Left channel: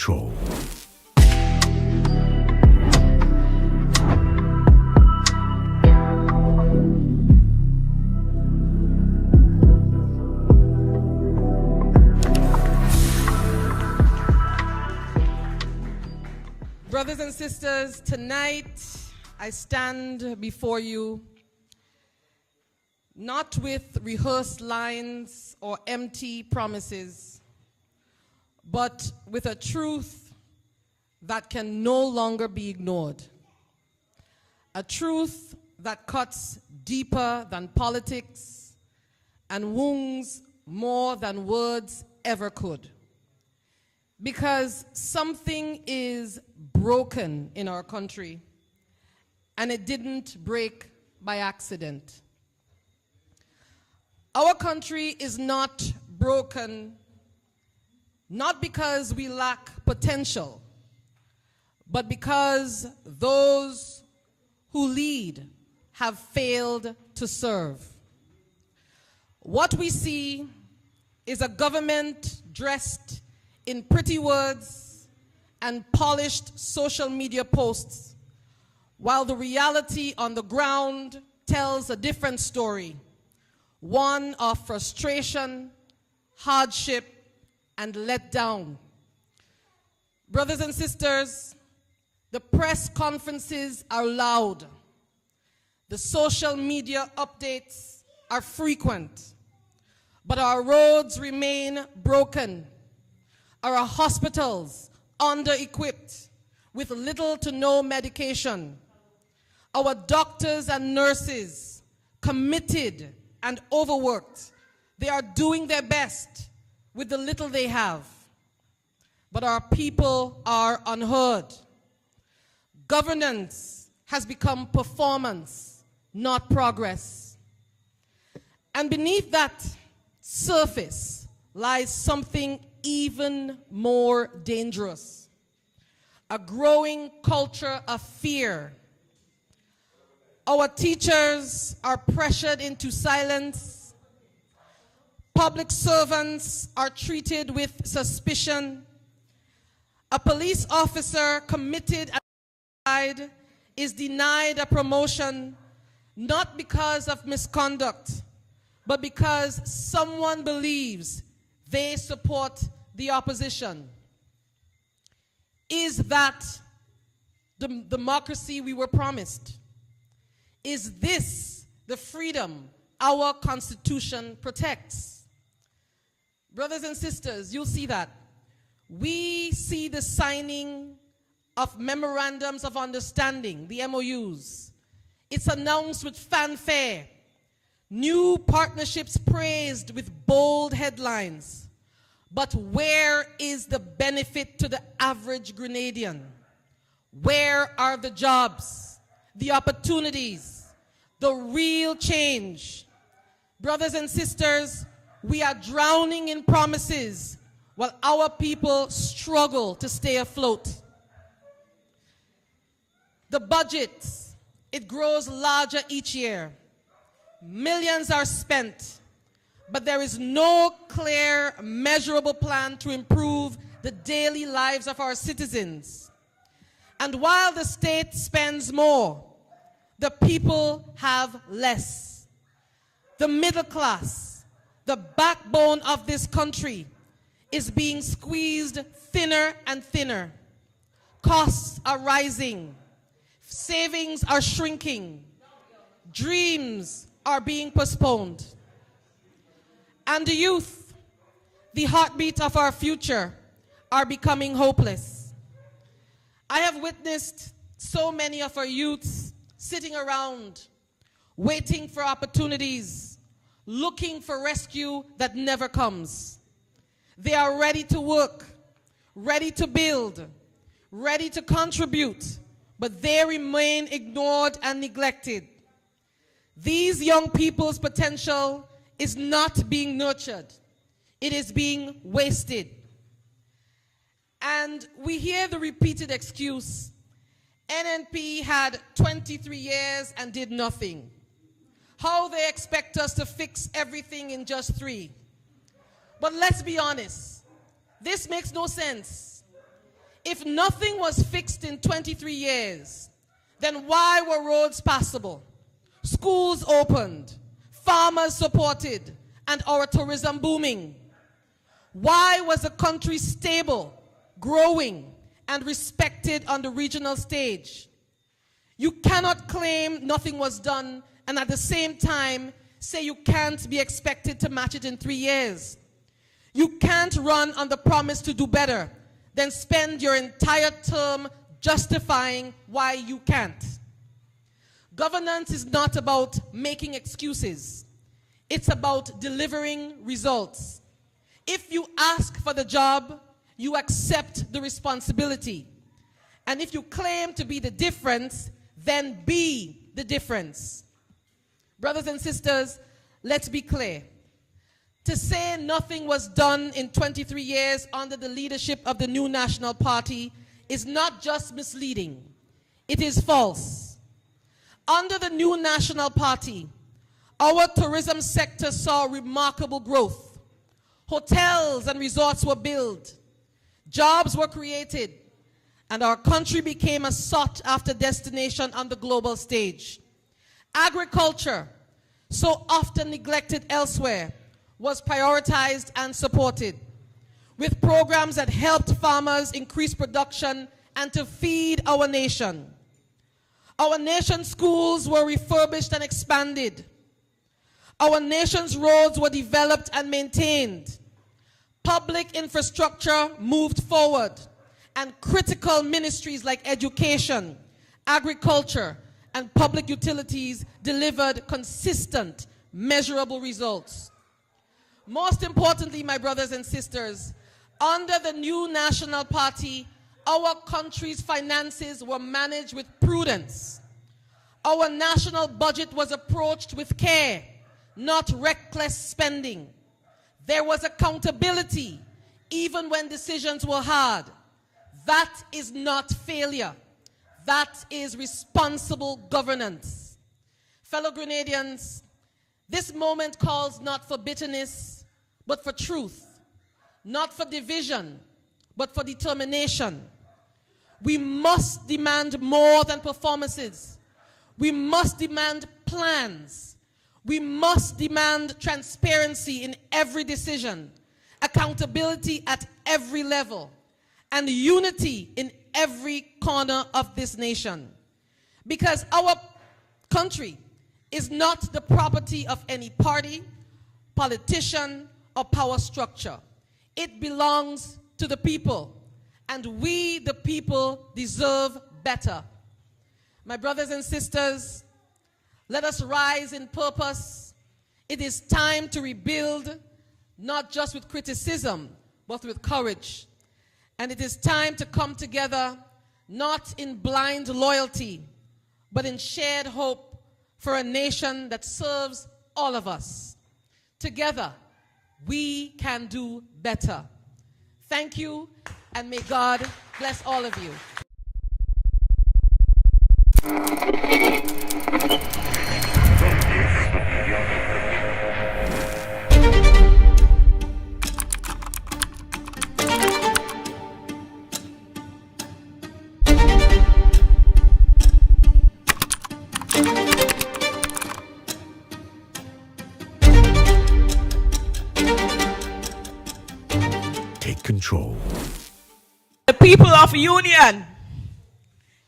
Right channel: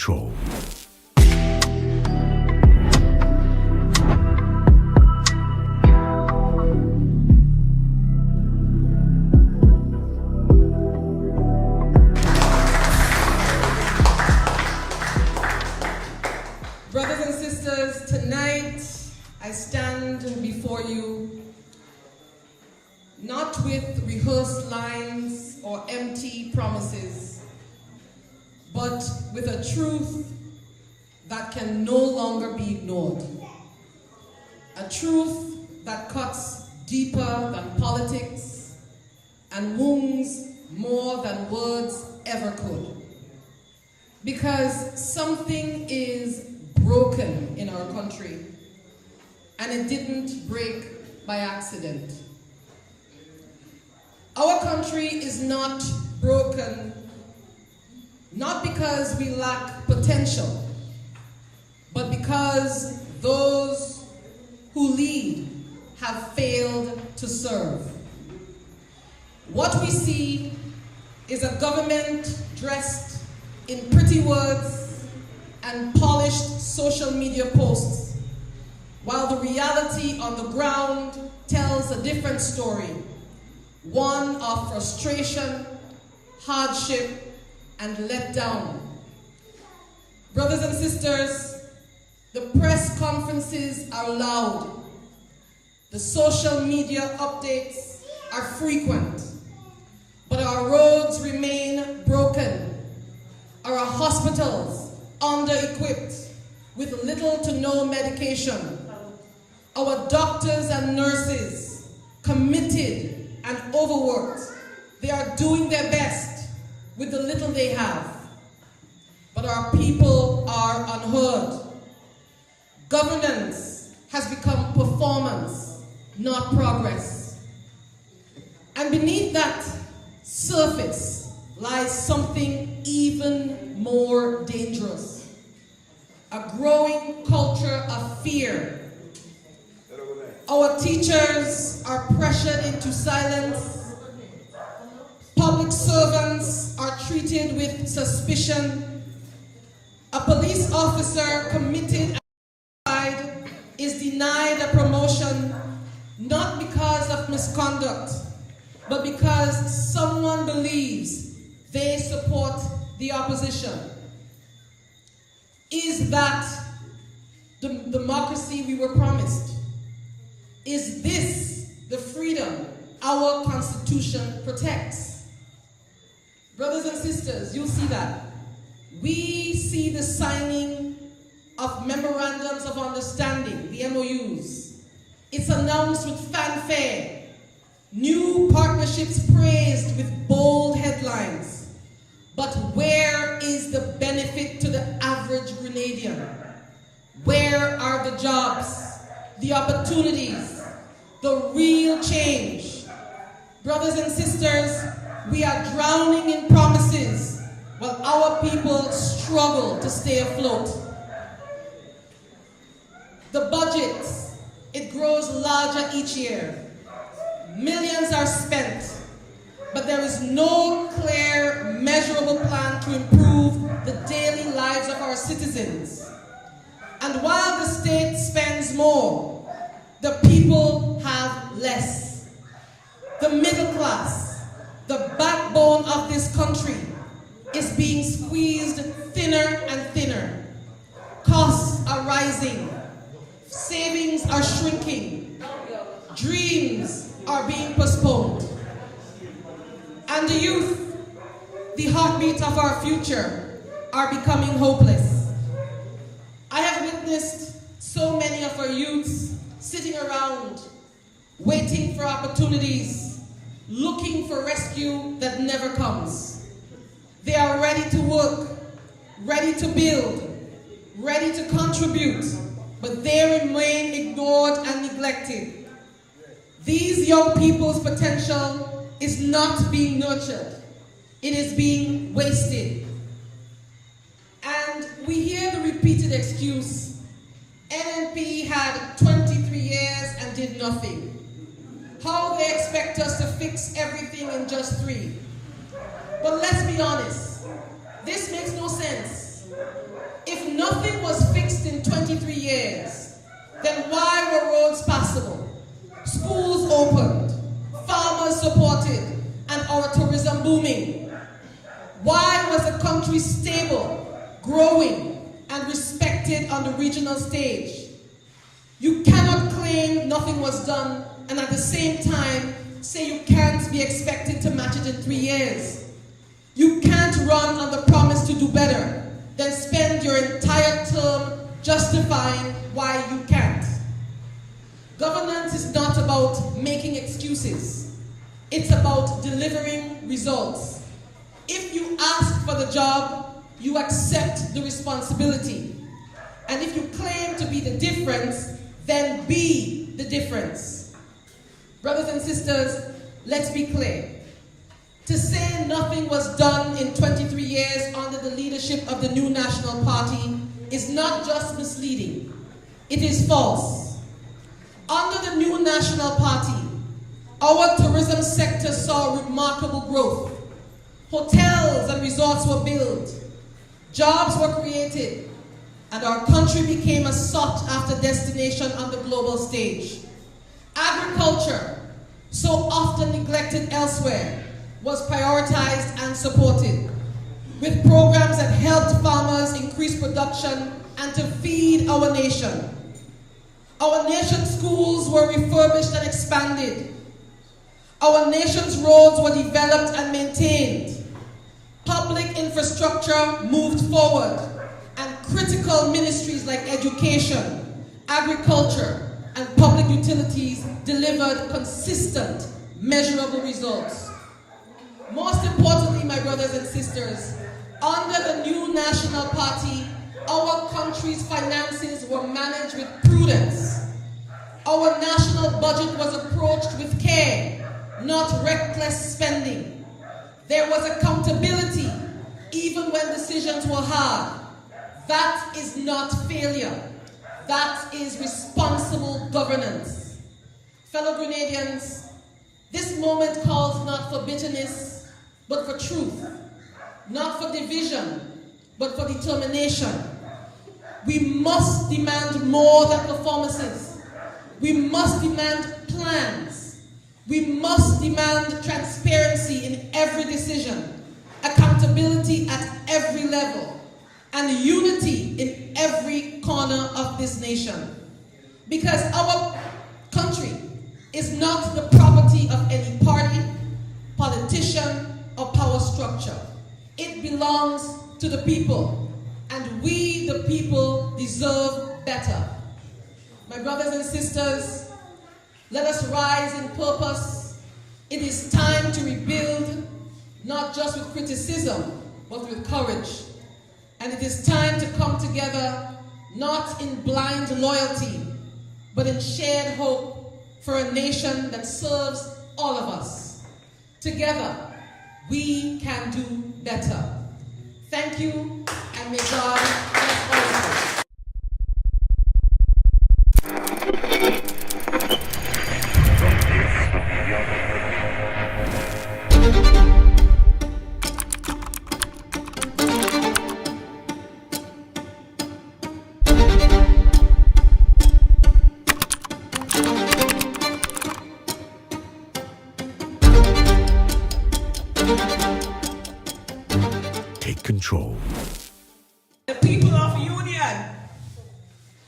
control. Brothers and sisters, tonight I stand before you not with rehearsed lines or empty promises, but with a truth that can no longer be ignored. A truth that cuts deeper than politics and wounds more than words ever could. Because something is broken in our country, and it didn't break by accident. Our country is not broken, not because we lack potential, but because those who lead have failed to serve. What we see is a government dressed in pretty words and polished social media posts, while the reality on the ground tells a different story. One of frustration, hardship, and letdown. Brothers and sisters, the press conferences are loud. The social media updates are frequent. But our roads remain broken. Our hospitals under-equipped with little to no medication. Our doctors and nurses committed and overworked. They are doing their best with the little they have. But our people are unheard. Governance has become performance, not progress. And beneath that surface lies something even more dangerous. A growing culture of fear. Our teachers are pressured into silence. Public servants are treated with suspicion. A police officer committed suicide is denied a promotion, not because of misconduct, but because someone believes they support the opposition. Is that the democracy we were promised? Is this the freedom our Constitution protects? Brothers and sisters, you'll see that. We see the signing of memorandums of understanding, the MOUs. It's announced with fanfare. New partnerships praised with bold headlines. But where is the benefit to the average Grenadian? Where are the jobs, the opportunities, the real change? Brothers and sisters, we are drowning in promises while our people struggle to stay afloat. The budget, it grows larger each year. Millions are spent, but there is no clear, measurable plan to improve the daily lives of our citizens. And while the state spends more, the people have less. The middle class, the backbone of this country, is being squeezed thinner and thinner. Costs are rising. Savings are shrinking. Dreams are being postponed. And the youth, the heartbeat of our future, are becoming hopeless. I have witnessed so many of our youths sitting around, waiting for opportunities, looking for rescue that never comes. They are ready to work, ready to build, ready to contribute, but they remain ignored and neglected. These young people's potential is not being nurtured. It is being wasted. And we hear the repeated excuse, NNP had 23 years and did nothing. How they expect us to fix everything in just 3. But let's be honest, this makes no sense. If nothing was fixed in 23 years, then why were roads passable, schools opened, farmers supported, and our tourism booming? Why was the country stable, growing, and respected on the regional stage? You cannot claim nothing was done and at the same time say you can't be expected to match it in 3 years. You can't run on the promise to do better, then spend your entire term justifying why you can't. Governance is not about making excuses. It's about delivering results. If you ask for the job, you accept the responsibility. And if you claim to be the difference, then be the difference. Brothers and sisters, let's be clear. To say nothing was done in 23 years under the leadership of the new National Party is not just misleading, it is false. Under the new National Party, our tourism sector saw remarkable growth. Hotels and resorts were built, jobs were created, and our country became a sought-after destination on the global stage. Agriculture, so often neglected elsewhere, was prioritized and supported, with programs that helped farmers increase production and to feed our nation. Our nation's schools were refurbished and expanded. Our nation's roads were developed and maintained. Public infrastructure moved forward, and critical ministries like education, agriculture, and public utilities delivered consistent, measurable results. Most importantly, my brothers and sisters, under the new National Party, our country's finances were managed with prudence. Our national budget was approached with care, not reckless spending. There was accountability, even when decisions were hard. That is not failure. That is responsible governance. Fellow Grenadians, this moment calls not for bitterness, but for truth. Not for division, but for determination. We must demand more than performances. We must demand plans. We must demand transparency in every decision, accountability at every level, and unity in every corner of this nation. Because our country is not the property of any party, politician, or power structure. It belongs to the people, and we, the people, deserve better. My brothers and sisters, let us rise in purpose. It is time to rebuild, not just with criticism, but with courage. And it is time to come together, not in blind loyalty, but in shared hope for a nation that serves all of us. Together, we can do better. Thank you, and may God bless all of us. Take control. The people of Union,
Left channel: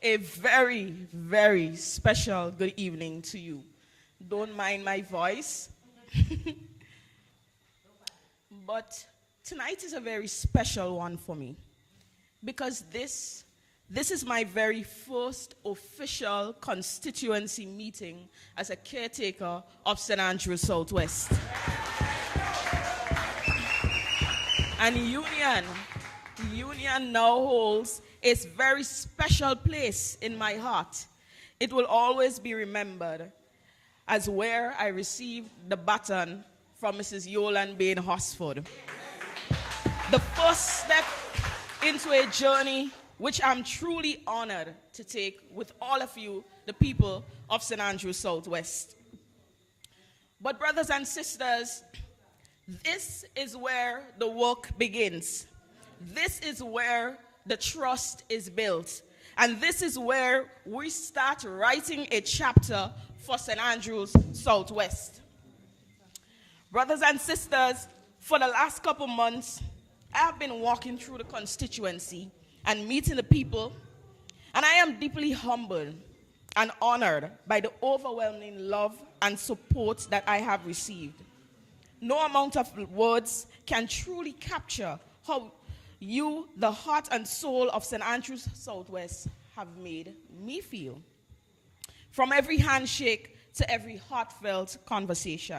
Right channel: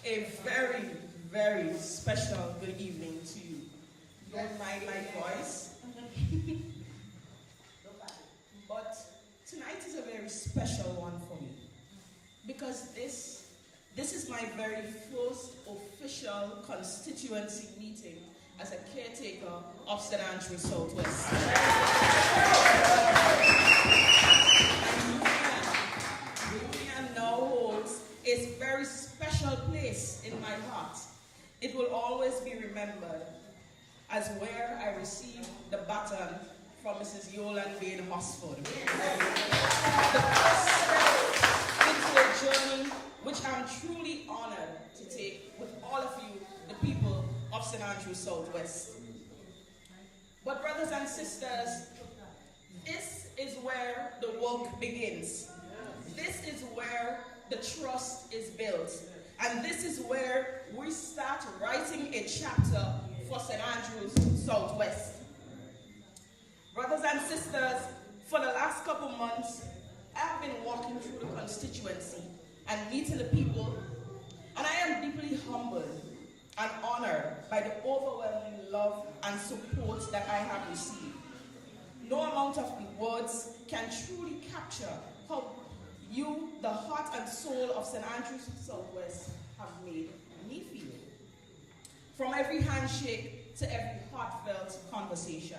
a very, very special good evening to you. Don't mind my voice. But tonight is a very special one for me because this is my very first official constituency meeting as a caretaker of St. Andrews Southwest. And Union now holds a very special place in my heart. It will always be remembered as where I received the baton from Mrs. Yolande Bain Hosford. The first step into a journey which I'm truly honored to take with all of you, the people of St. Andrews Southwest. But brothers and sisters, this is where the work begins. This is where the trust is built. And this is where we start writing a chapter for St. Andrews Southwest. Brothers and sisters, for the last couple months, I have been walking through the constituency and meeting the people, and I am deeply humbled and honored by the overwhelming love and support that I have received. No amount of words can truly capture how you, the heart and soul of St. Andrews Southwest, have made me feel. From every handshake to every heartfelt conversation.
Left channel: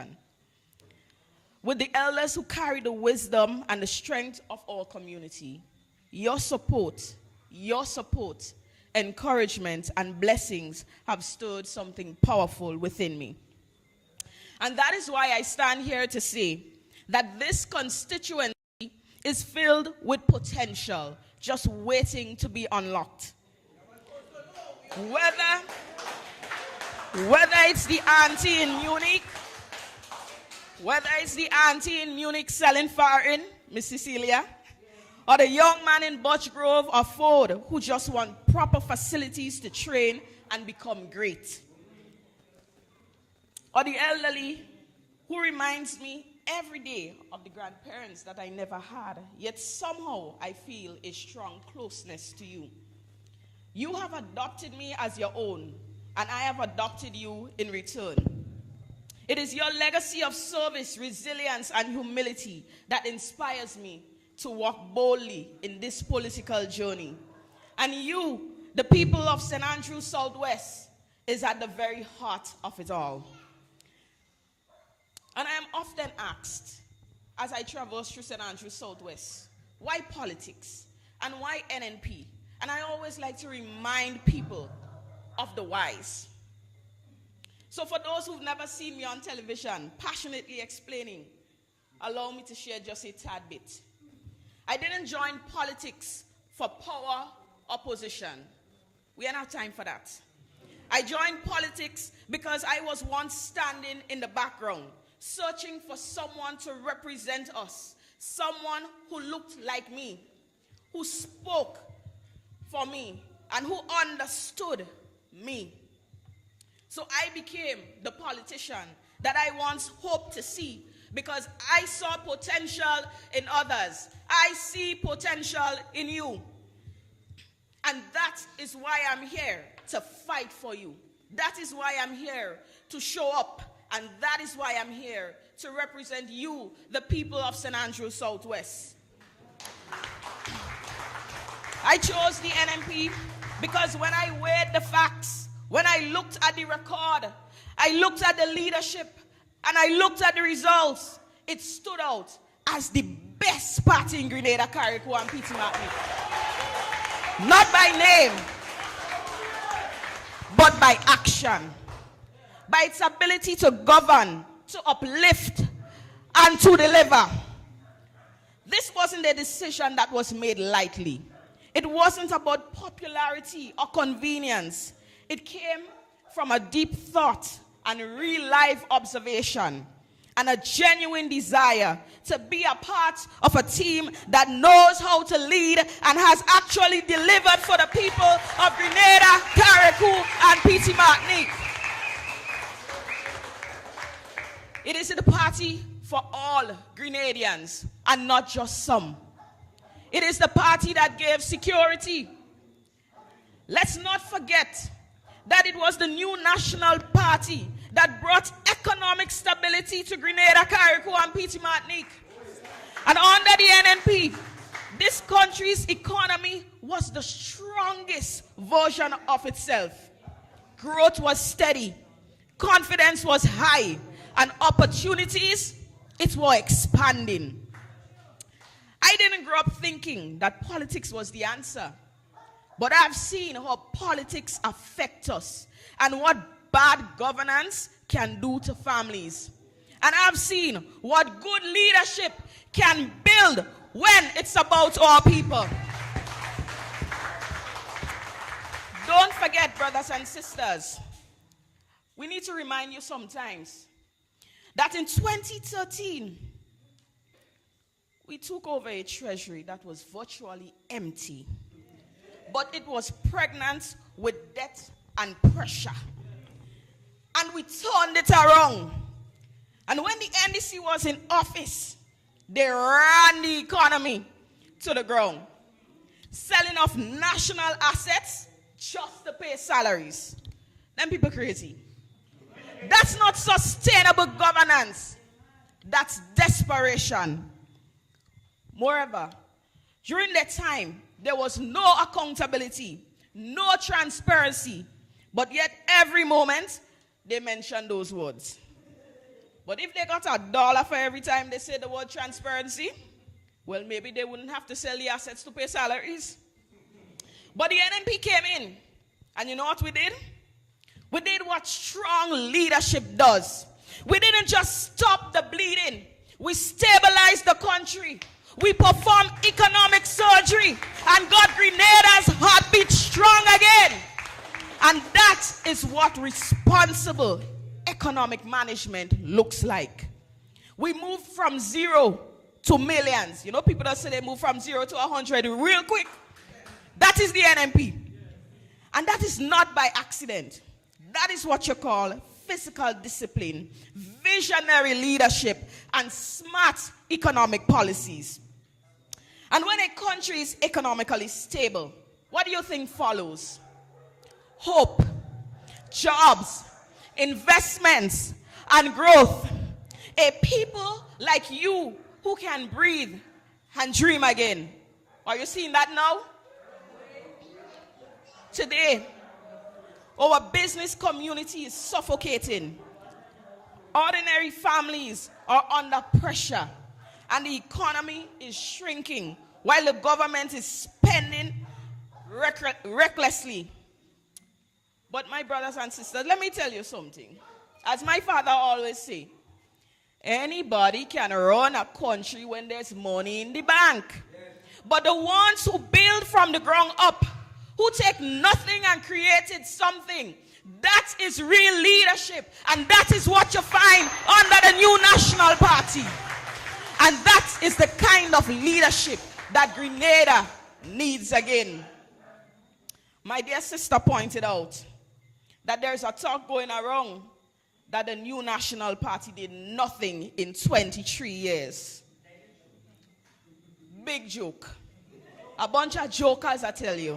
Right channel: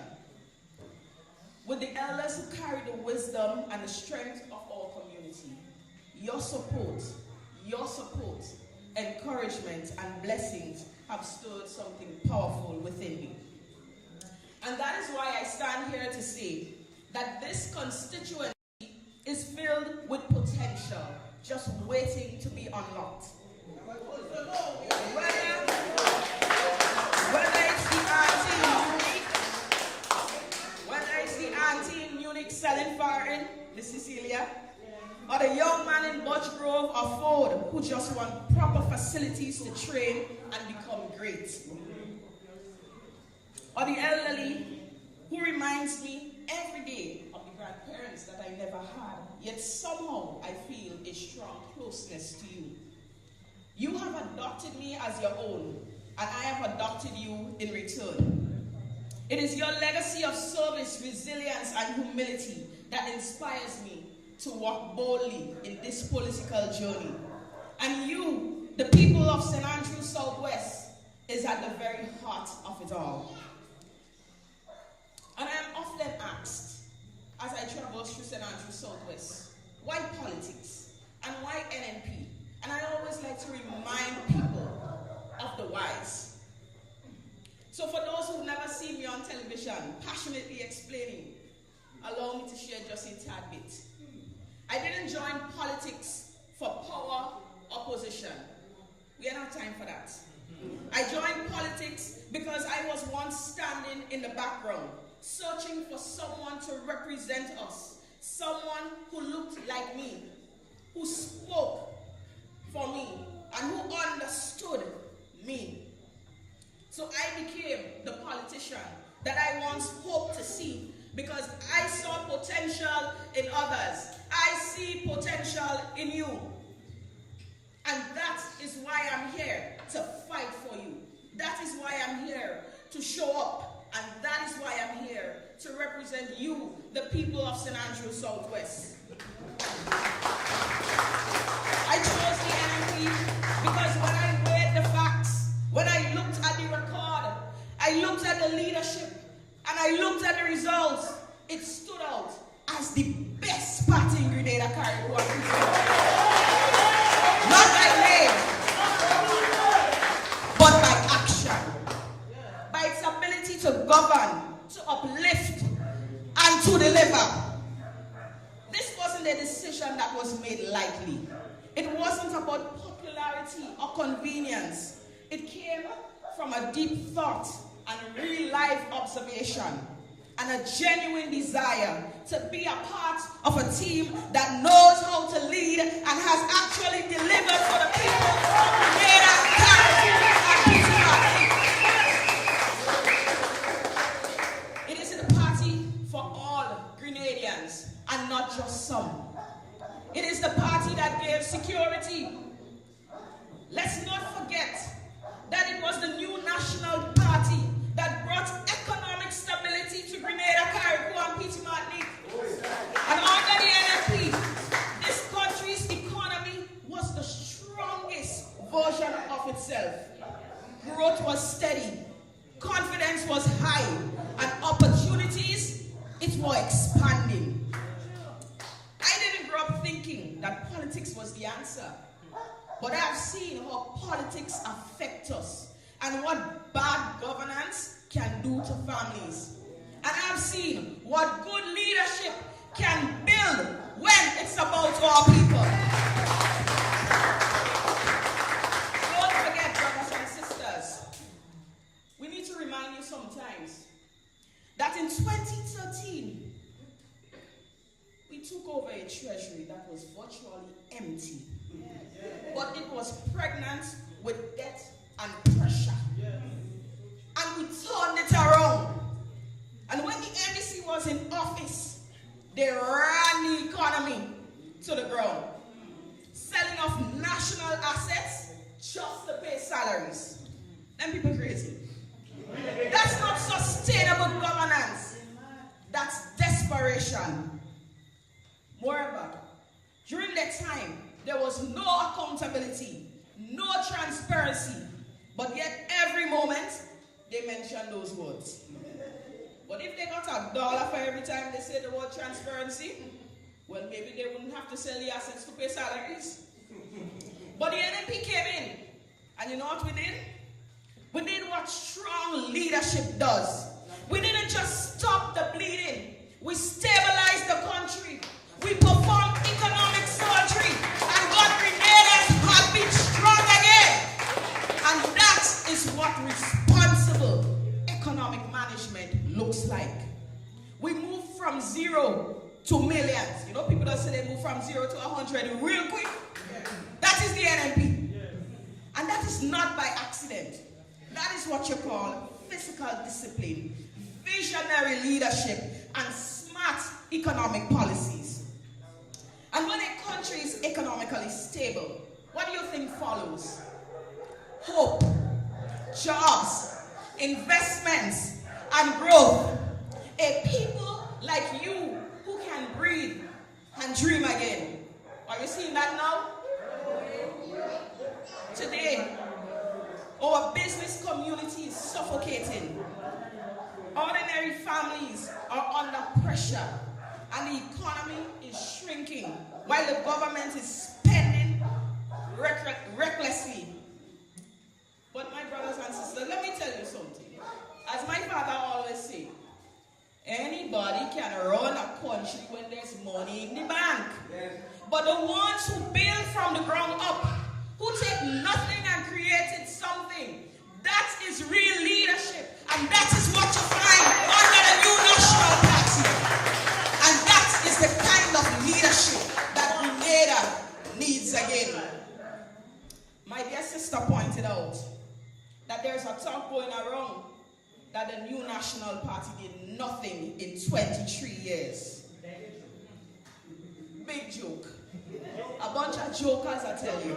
With the elders who carry the wisdom and the strength of our community, your support, encouragement, and blessings have stirred something powerful within me. And that is why I stand here to say that this constituency is filled with potential, just waiting to be unlocked. Whether it's the auntie in Munich, whether it's the auntie in Munich selling farin, Miss Cecilia, or the young man in Butch Grove or Ford who just want proper facilities to train and become great. Or the elderly who reminds me every day of the grandparents that I never had, yet somehow I feel a strong closeness to you. You have adopted me as your own, and I have adopted you in return. It is your legacy of service, resilience, and humility that inspires me to walk boldly in this political journey. And you, the people of St. Andrews Southwest, is at the very heart of it all. And I am often asked, as I traverse through St. Andrews Southwest, why politics and why NNP? And I always like to remind people of the whys. So for those who've never seen me on television, passionately explaining, allow me to share just a tad bit. I didn't join politics for power or position. We don't have time for that. I joined politics because I was once standing in the background, searching for someone to represent us, someone who looked like me, who spoke for me, and who understood me. So I became the politician that I once hoped to see because I saw potential in others. I see potential in you. And that is why I'm here to fight for you. That is why I'm here to show up. And that is why I'm here to represent you, the people of St. Andrews Southwest. I chose the NNP because when I weighed the facts, when I looked at the record, I looked at the leadership, and I looked at the results, it stood out as the best party in Grenada, Carriacou, and Pittsburgh. Not by name, but by action. By its ability to govern, to uplift, and to deliver. This wasn't a decision that was made lightly. It wasn't about popularity or convenience. It came from a deep thought and real life observation and a genuine desire to be a part of a team that knows how to lead and has actually delivered for the people of Grenada, Carriacou, and Petit Martinique. It is the party for all Grenadians and not just some. It is the party that gave security. Let's not forget that it was the new national party that brought economic stability to Grenada, Carriacou, and Petit Martinique. And under the NNP, this country's economy was the strongest version of itself. Growth was steady, confidence was high, and opportunities, it were expanding. I didn't grow up thinking that politics was the answer. But I've seen how politics affect us and what bad governance can do to families. And I've seen what good leadership can build when it's about our people. Don't forget, brothers and sisters, we need to remind you sometimes that in 2013, we took over a treasury that was virtually empty. but it was pregnant with debt and pressure. And we turned it around. And when the NDC was in office, they ran the economy to the ground, selling off national assets just to pay salaries. Them people crazy. That's not sustainable governance. That's desperation. Moreover, during that time, there was no accountability, no transparency, but yet every moment they mentioned those words. But if they got $1 for every time they say the word transparency, well, maybe they wouldn't have to sell the assets to pay salaries. But the NNP came in, and you know what we did? We did what strong leadership does. We didn't just stop the bleeding. We stabilized the country. We performed economic surgery and got Grenada's heartbeat strong again. And that is what responsible economic management looks like. We moved from 0 to millions. You know, people that say they move from 0 to 100 real quick. That is the NNP. And that is not by accident. That is what you call fiscal discipline, visionary leadership, and smart economic policies. And when a country is economically stable, what do you think follows? Hope, jobs, investments, and growth. A people like you who can breathe and dream again. Are you seeing that now? Today, our business community is suffocating. Ordinary families are under pressure, and the economy is shrinking while the government is spending recklessly. But my brothers and sisters, let me tell you something. As my father always say, anybody can run a country when there's money in the bank. But the ones who build from the ground up, who take nothing and created something, that is real leadership. And that is what you find under the new National Party. And that is the kind of leadership that Grenada needs again. My dear sister pointed out that there's a talk going around that the new National Party did nothing in 23 years. Big joke. A bunch of jokers, I tell you.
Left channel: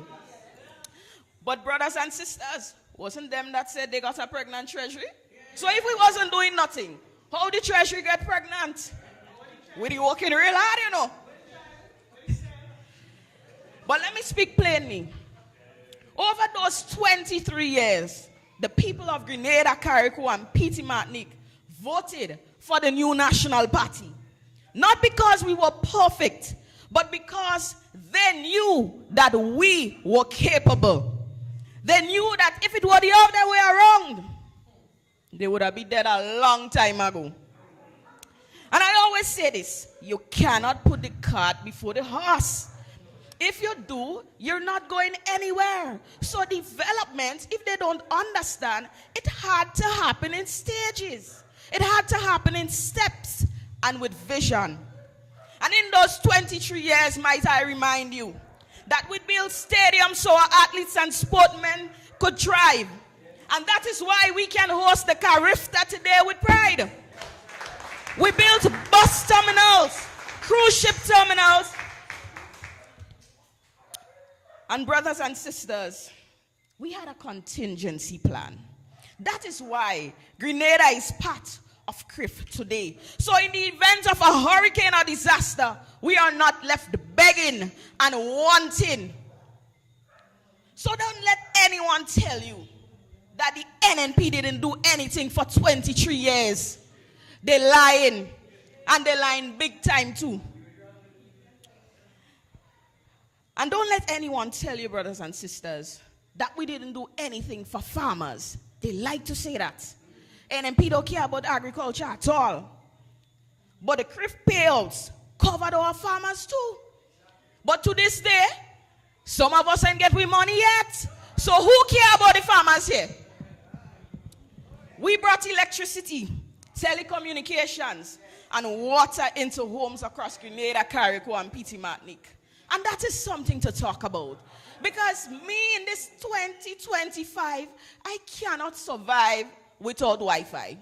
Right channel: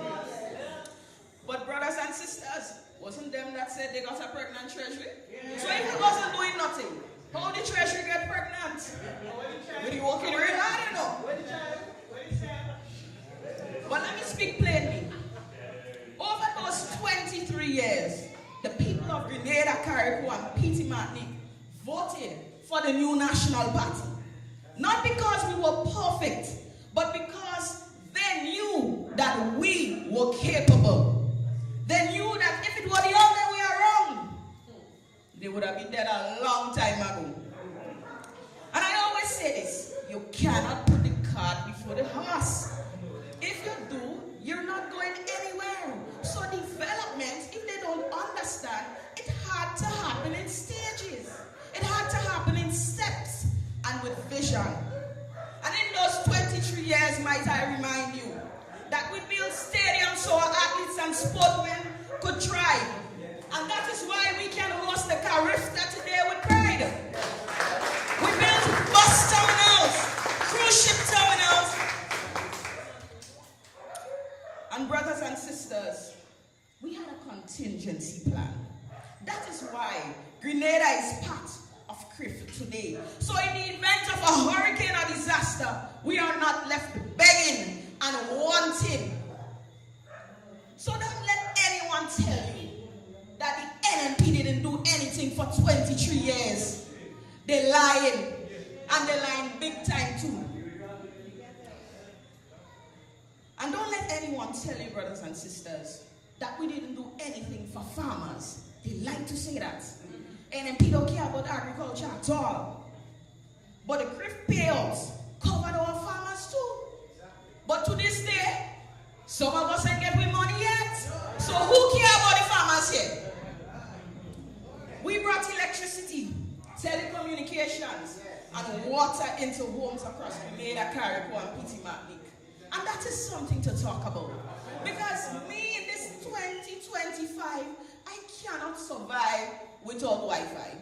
But brothers and sisters, wasn't them that said they got a pregnant treasury? So if we wasn't doing nothing, how did the treasury get pregnant? We were working real hard, you know. But let me speak plainly. Over those 23 years, the people of Grenada, Carriacou, and Petit Martinique voted for the new National Party. Not because we were perfect, but because they knew that we were capable. They knew that if it were the other way around, they would have been dead a long time ago. And I always say this, you cannot put the cart before the horse. If you do, you're not going anywhere. So development, if they don't understand, it had to happen in stages. It had to happen in steps and with vision. And in those 23 years, might I remind you, that we built stadiums so our athletes and sportsmen could thrive. And that is why we can host the Carifta today with pride. We built bus terminals, cruise ship terminals. And brothers and sisters, we had a contingency plan. That is why Grenada is part of CRIF today. So in the event of a hurricane or disaster, we are not left begging and wanting. So don't let anyone tell you that the NNP didn't do anything for 23 years. They're lying, and they're lying big time too. And don't let anyone tell you, brothers and sisters, that we didn't do anything for farmers. They like to say that. NNP don't care about agriculture at all. But the CRIF payouts covered our farmers too. But to this day, some of us ain't get we money yet. So who care about the farmers here? We brought electricity, telecommunications, and water into homes across Grenada, Carriacou, and Petit Martinique. And that is something to talk about. Because me in this 2025, I cannot survive without Wi-Fi.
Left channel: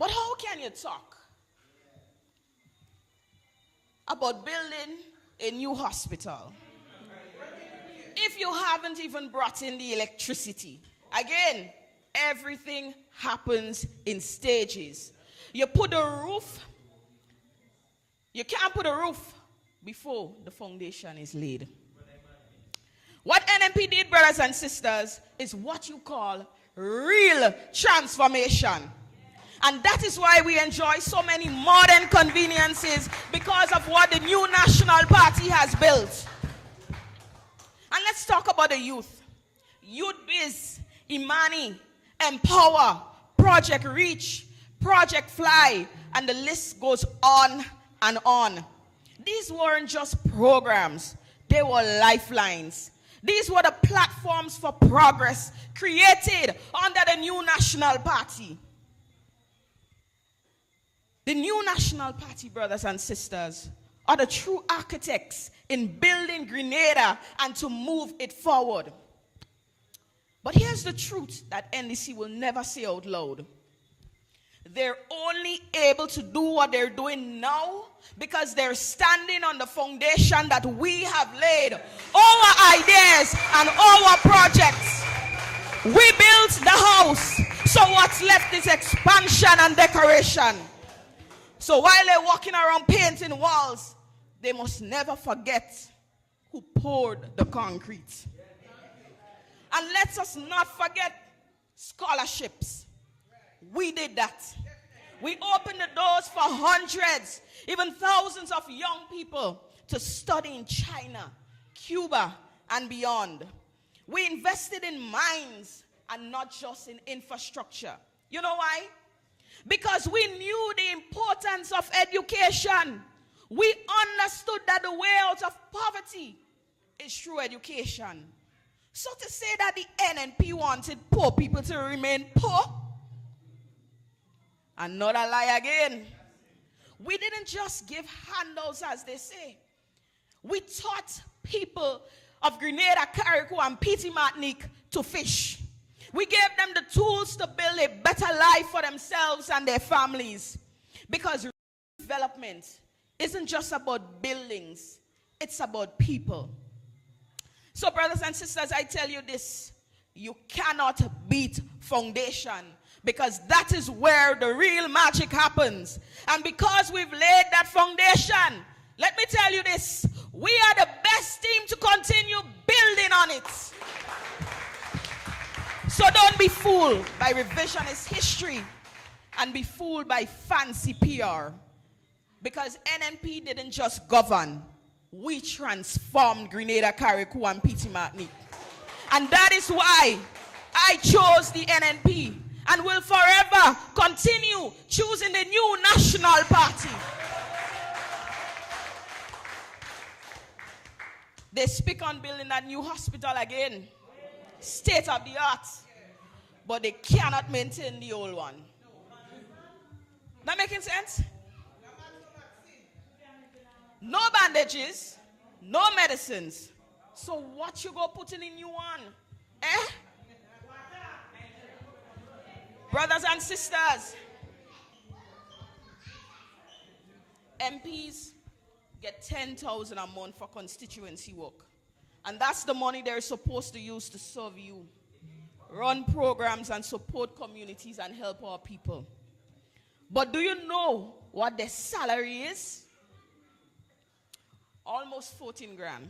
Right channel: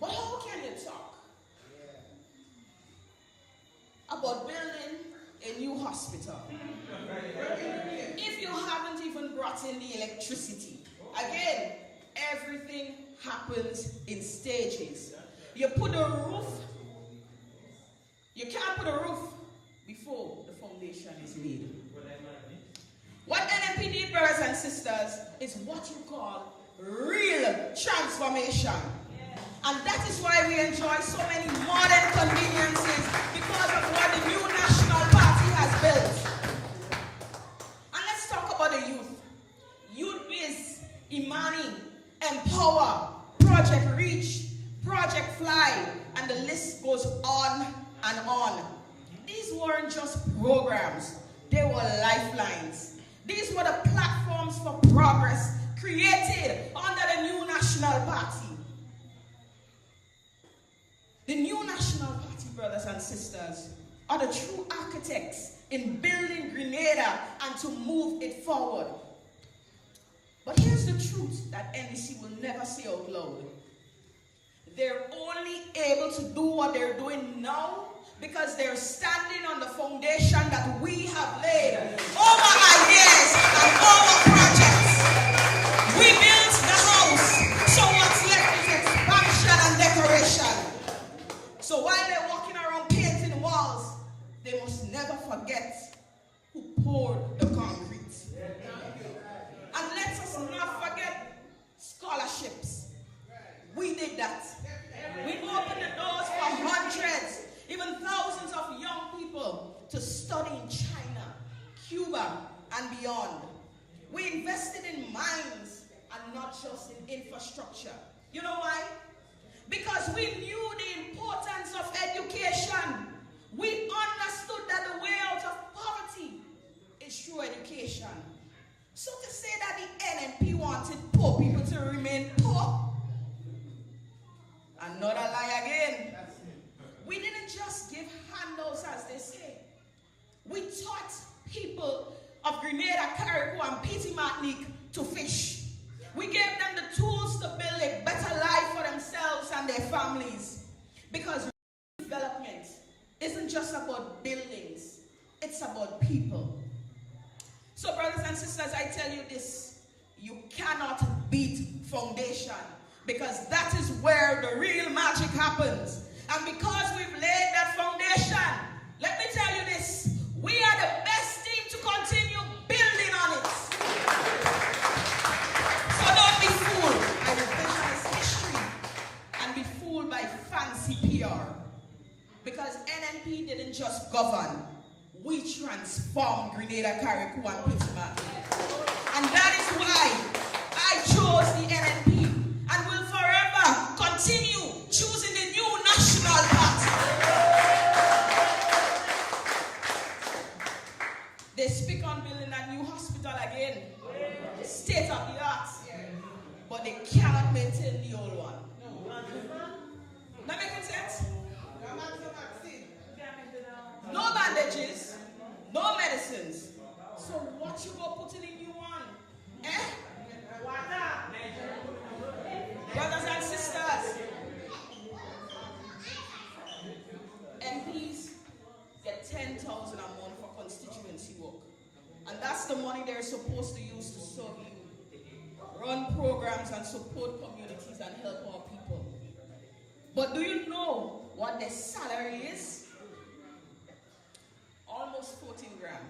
But how can you talk about building a new hospital if you haven't even brought in the electricity? Again, everything happens in stages. You put a roof, you can't put a roof before the foundation is laid. What NNP did, brothers and sisters, is what you call real transformation. And that is why we enjoy so many modern conveniences, because of what the new National Party has built. And let's talk about the youth. Youth Biz, Imani, Empower, Project Reach, Project Fly, and the list goes on and on. These weren't just programs, they were lifelines. These were the platforms for progress created under the new National Party. The new National Party, brothers and sisters, are the true architects in building Grenada and to move it forward. But here's the truth that NDC will never say out loud. They're only able to do what they're doing now because they're standing on the foundation that we have laid. Our ideas and our projects. We built the house, so what's left is expansion and decoration. So while they're walking around painting walls, they must never forget who poured the concrete. And let us not forget scholarships. We did that. We opened the doors for hundreds, even thousands of young people to study in China, Cuba, and beyond. We invested in mines and not just in infrastructure. You know why? Because we knew the importance of education. We understood that the way out of poverty is through education. So to say that the NNP wanted poor people to remain poor, another lie again. We didn't just give handouts, as they say. We taught people of Grenada, Carriacou, and Petit Martinique to fish. We gave them the tools to build a better life for themselves and their families. Because development isn't just about buildings, it's about people. So brothers and sisters, I tell you this, you cannot beat foundation, because that is where the real magic happens. And because we've laid that foundation, let me tell you this, we are the best team to continue building on it. So don't be fooled by revisionist history and be fooled by fancy PR. Because NNP didn't just govern, we transformed Grenada, Carriacou, and Petit Martinique. And that is why I chose the NNP and will forever continue choosing the new National Party. They speak on building a new hospital again, state of the art, but they cannot maintain the old one. That making sense? No bandages, no medicines. So what you go put in a new one? Eh? Brothers and sisters, MPs get 10,000 a month for constituency work. And that's the money they're supposed to use to serve you, run programs and support communities and help our people. But do you know what their salary is? Almost 14 grand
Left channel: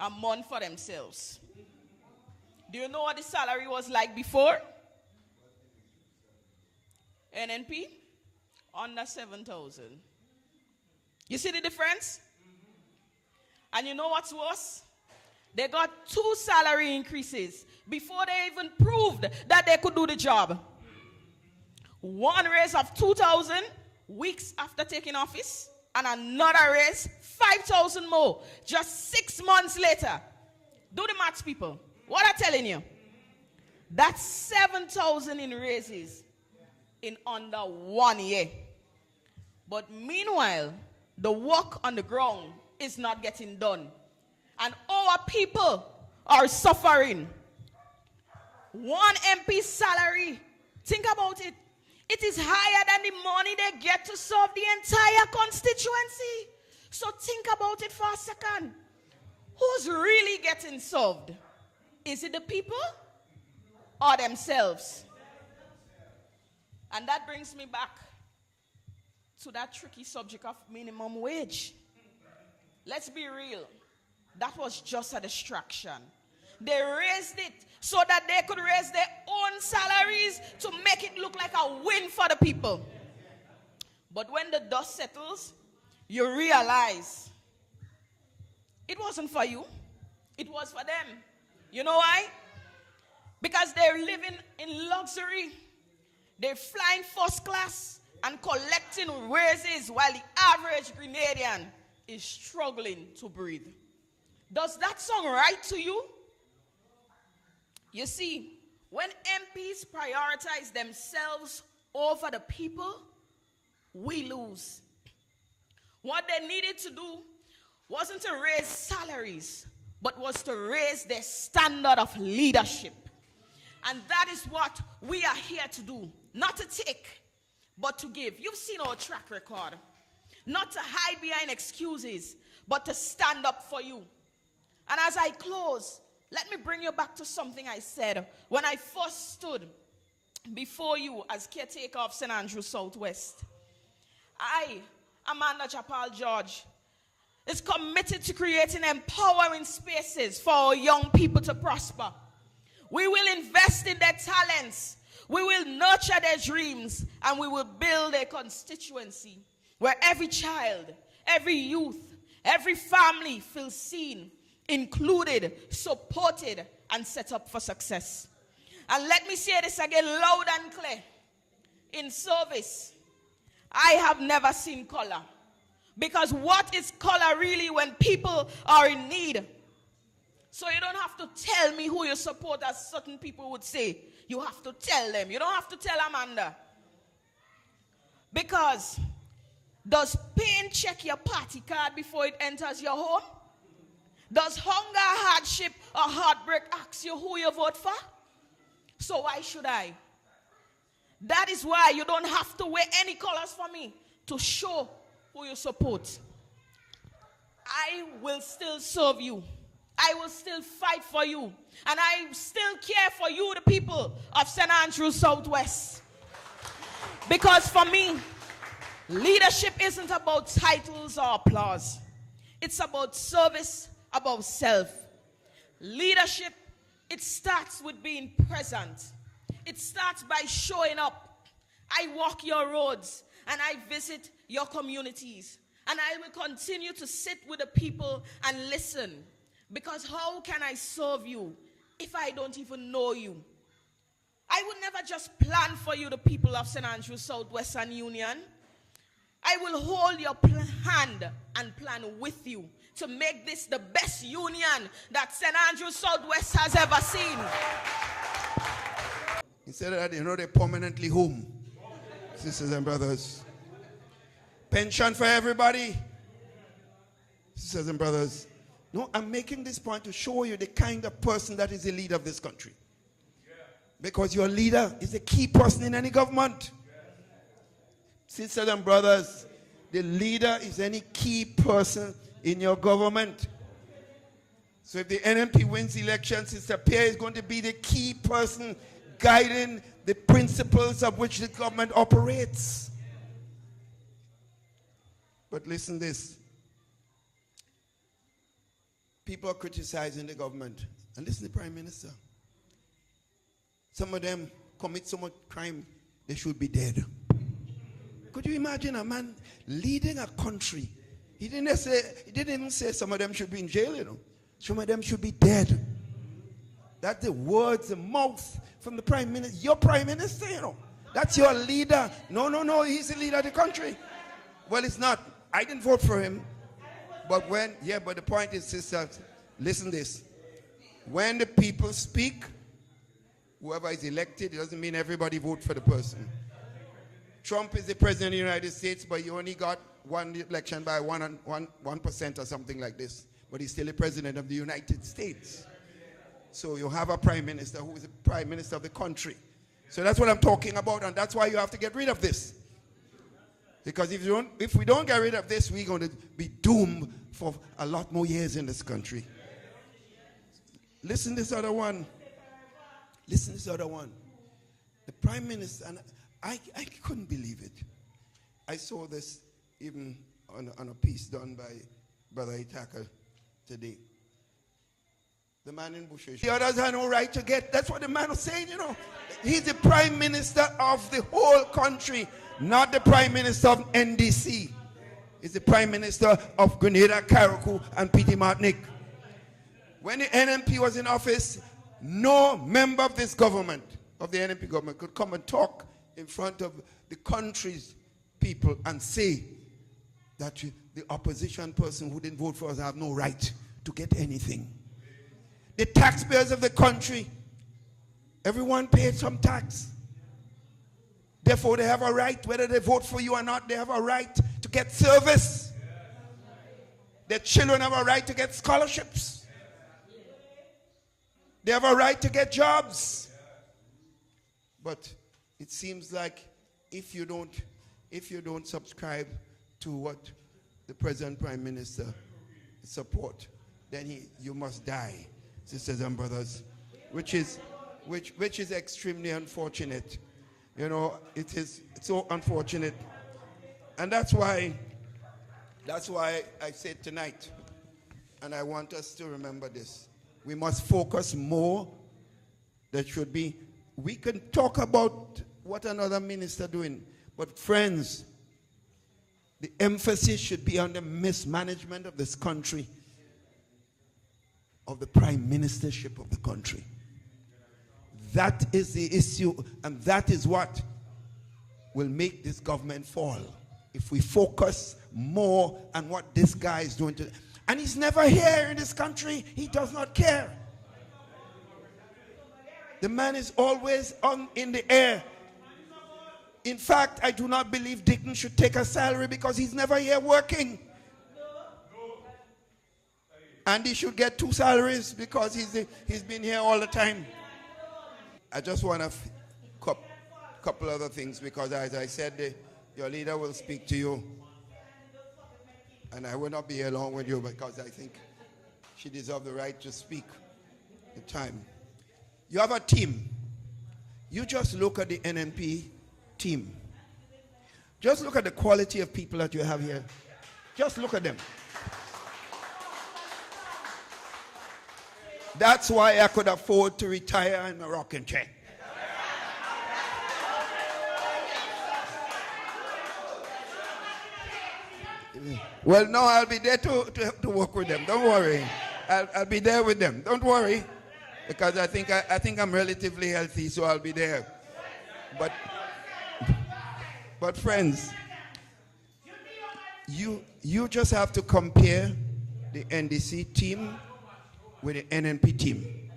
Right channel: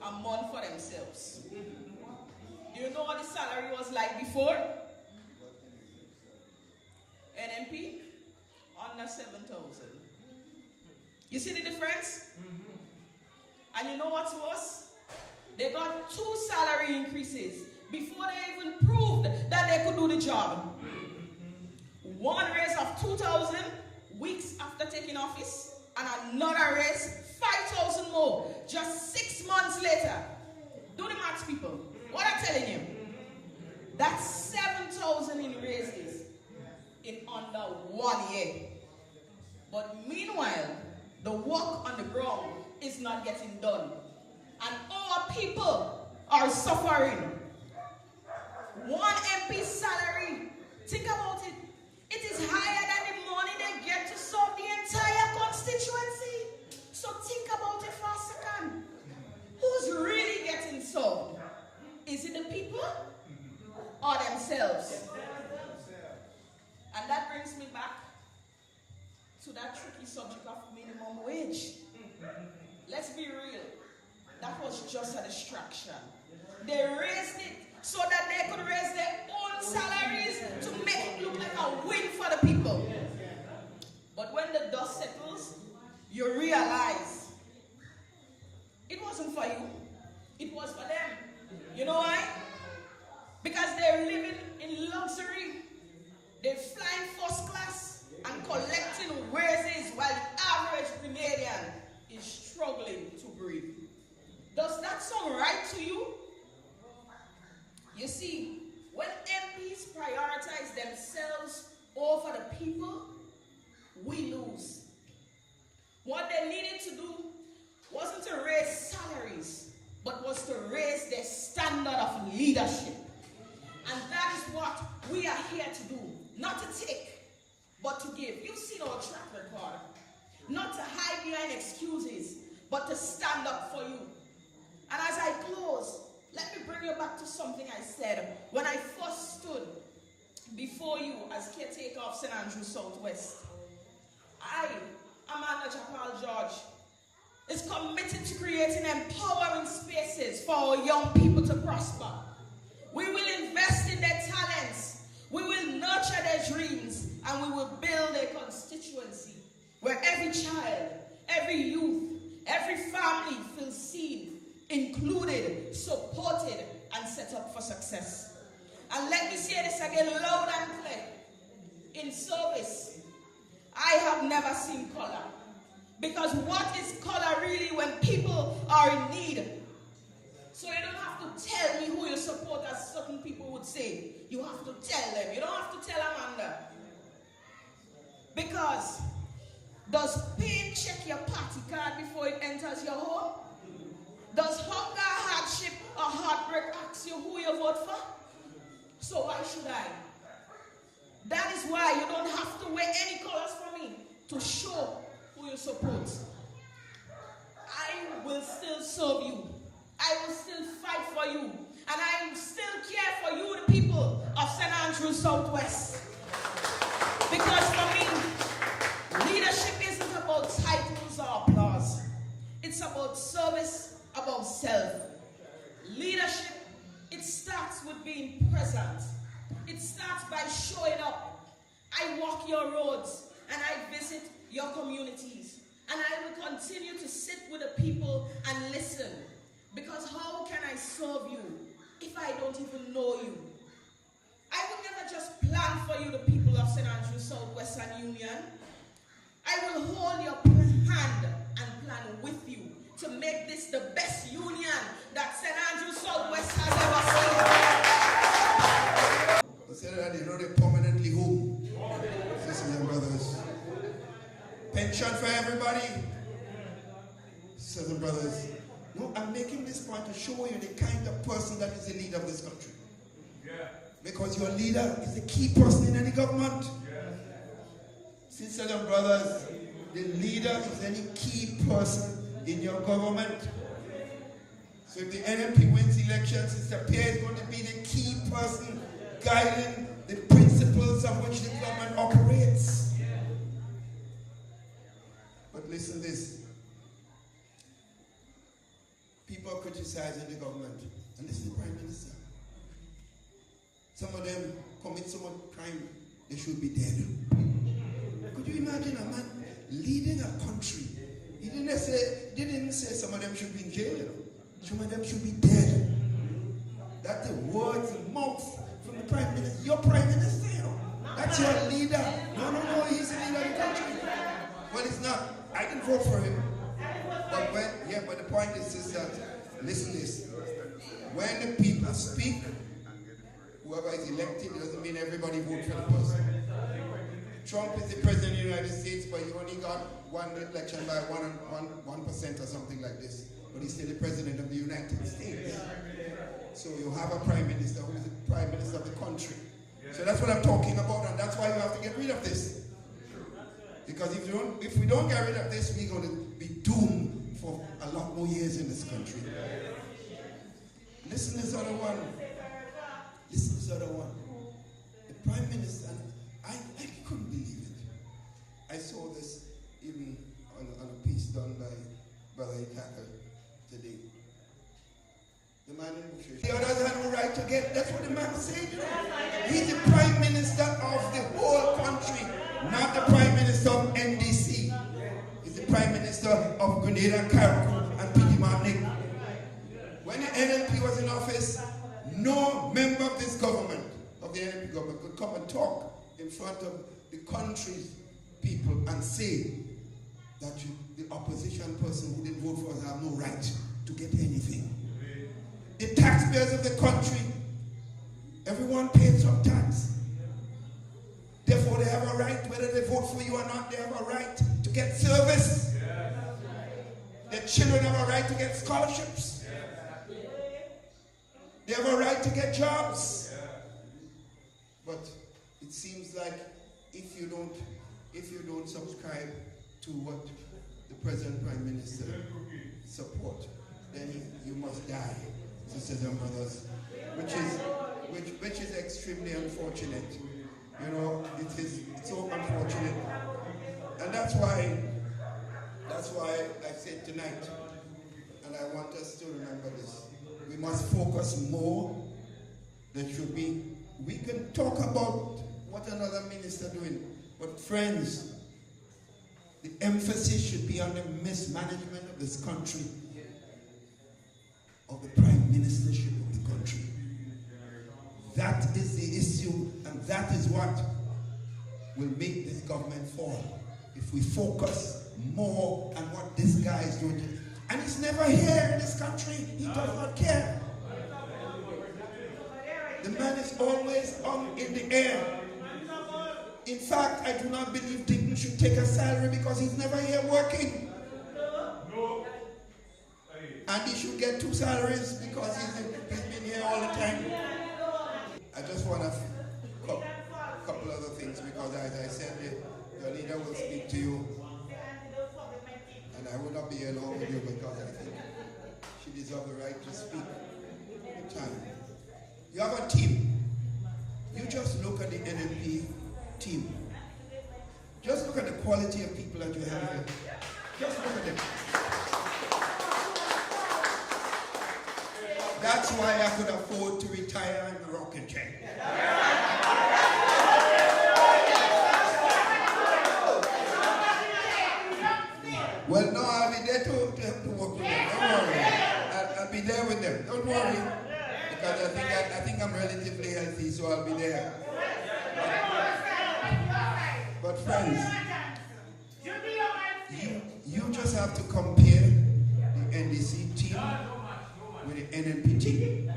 a month for themselves. Do you know what the salary was like before? NNP, under 7,000. You see the difference? And you know what's worse? They got 2 salary increases before they even proved that they could do the job. One raise of 2,000 weeks after taking office, and another raise 5,000 more just 6 months later. Do the maths, people. What I'm telling you, that's 7,000 in raises in under 1 year. But meanwhile, the work on the ground is not getting done. And our people are suffering. One MP's salary, think about it, it is higher than the money they get to serve the entire constituency. So think about it for a second. Who's really getting served? Is it the people or themselves? And that brings me back to that tricky subject of minimum wage. Let's be real. That was just a distraction. They raised it so that they could raise their own salaries to make it look like a win for the people. But when the dust settles, you realize it wasn't for you. It was for them. You know why? Because they're living in luxury. They're flying first class and collecting raises while the average Grenadian is struggling to breathe. Does that sound right to you? You see, when MPs prioritize themselves over the people, we lose. What they needed to do wasn't to raise salaries, but was to raise their standard of leadership. And that is what we are here to do. Not to take, but to give. You've seen our track record. Not to hide behind excuses, but to stand up for you. And as I close, let me bring you back to something I said when I first stood before you as caretaker of St. Andrews Southwest. I, Amanda Chapal George, is committed to creating empowering spaces for our young people to prosper. We will invest in their talents, we will nurture their dreams, and we will build a constituency where every child, every youth, every family feels seen, included, supported, and set up for success. And let me say this again loud and clear. In service, I have never seen color. Because what is color really when people are in need? So you don't have to tell me who you support, as certain people would say. You have to tell them. You don't have to tell Amanda. Because does pain check your party card before it enters your home? Does hunger, hardship, or heartbreak ask you who you vote for? So why should I? That is why you don't have to wear any colors for me to show who you support. I will still serve you. I will still fight for you. And I still care for you, the people of St. Andrews Southwest. Because for me, leadership isn't about titles or applause. It's about service, about self. Leadership, it starts with being present. It starts by showing up. I walk your roads and I visit your communities. And I will continue to sit with the people and listen. Because how can I serve you if I don't even know you? I will never just plan for you, the people of St. Andrews Southwestern Union. I will hold your hand and plan with you to make this the best union that St. Andrews Southwest has ever seen. He said that they're permanently home. Sisters and brothers. Pension for everybody. Sisters and brothers. No, I'm making this point to show you the kind of person that is the leader of this country. Because your leader is a key person in any government. Sisters and brothers, the leader is any key person in your government. So if the NNP wins elections, Sister Pierre is going to be the key person guiding the principles of which the government operates. But listen to this. People are criticizing the government. And listen to the Prime Minister. Some of them commit so much crime, they should be dead. Could you imagine a man leading a country? He didn't even say some of them should be in jail, you know. Some of them should be dead. That's the words, the mouth from the Prime Minister. Your Prime Minister, you know. That's your leader. No, he's the leader of the country. Well, it's not. I didn't vote for him. But but the point is, sisters, listen this. When the people speak, whoever is elected, it doesn't mean everybody vote for the person. Trump is the president of the United States, but you only got won the election by 1% or something like this, but he's still the president of the United States. So you have a prime minister who is the prime minister of the country. So that's what I'm talking about, and that's why you have to get rid of this. Because if we don't get rid of this, we're going to be doomed for a lot more years in this country. Listen to this other one. Listen to this other one. The prime minister, and I couldn't believe it. I saw this even on a piece done by Brother Itaka today. The man in Bushes. The others have no right to get, that's what the man was saying, you know. He's the prime minister of the whole country, not the prime minister of NDC. He's the prime minister of Grenada, Carriacou, and Petit Martinique. When the NNP was in office, no member of this government, of the NNP government, could come and talk in front of the country's people and say that the opposition person who didn't vote for us have no right to get anything. The taxpayers of the country, everyone paid some tax. Therefore, they have a right, whether they vote for you or not, they have a right to get service. Their children have a right to get scholarships. They have a right to get jobs. But it seems like if you don't subscribe to what the President Prime Minister support, then you must die, sisters and brothers, which is extremely unfortunate. You know, it's so unfortunate. And that's why I said tonight, and I want us to remember this, we must focus more. There should be, we can talk about what another minister doing, but friends, the emphasis should be on the mismanagement of this country, of the prime ministership of the country. That is the issue, and that is what will make this government fall. If we focus more on what this guy is doing. And he's never here in this country. He does not care. The man is always up in the air. In fact, I do not believe Dickon should take a salary because he's never here working. And he should get 2 salaries because he's been here all the time. I just want a couple other things, because as I said, your leader will speak to you. And I will not be alone with you because I think she deserves the right to speak in time. You have a team. You just look at the NNP team. Just look at the quality of people that you have here. Just look at them. That's why I could afford to retire in a rocking chair. Well, no, I'll be there to work with them. Don't worry. I'll be there with them. Don't worry. Because I think I'm relatively healthy, so I'll be there. But friends, you just have to compare the NDC team with the NNP team.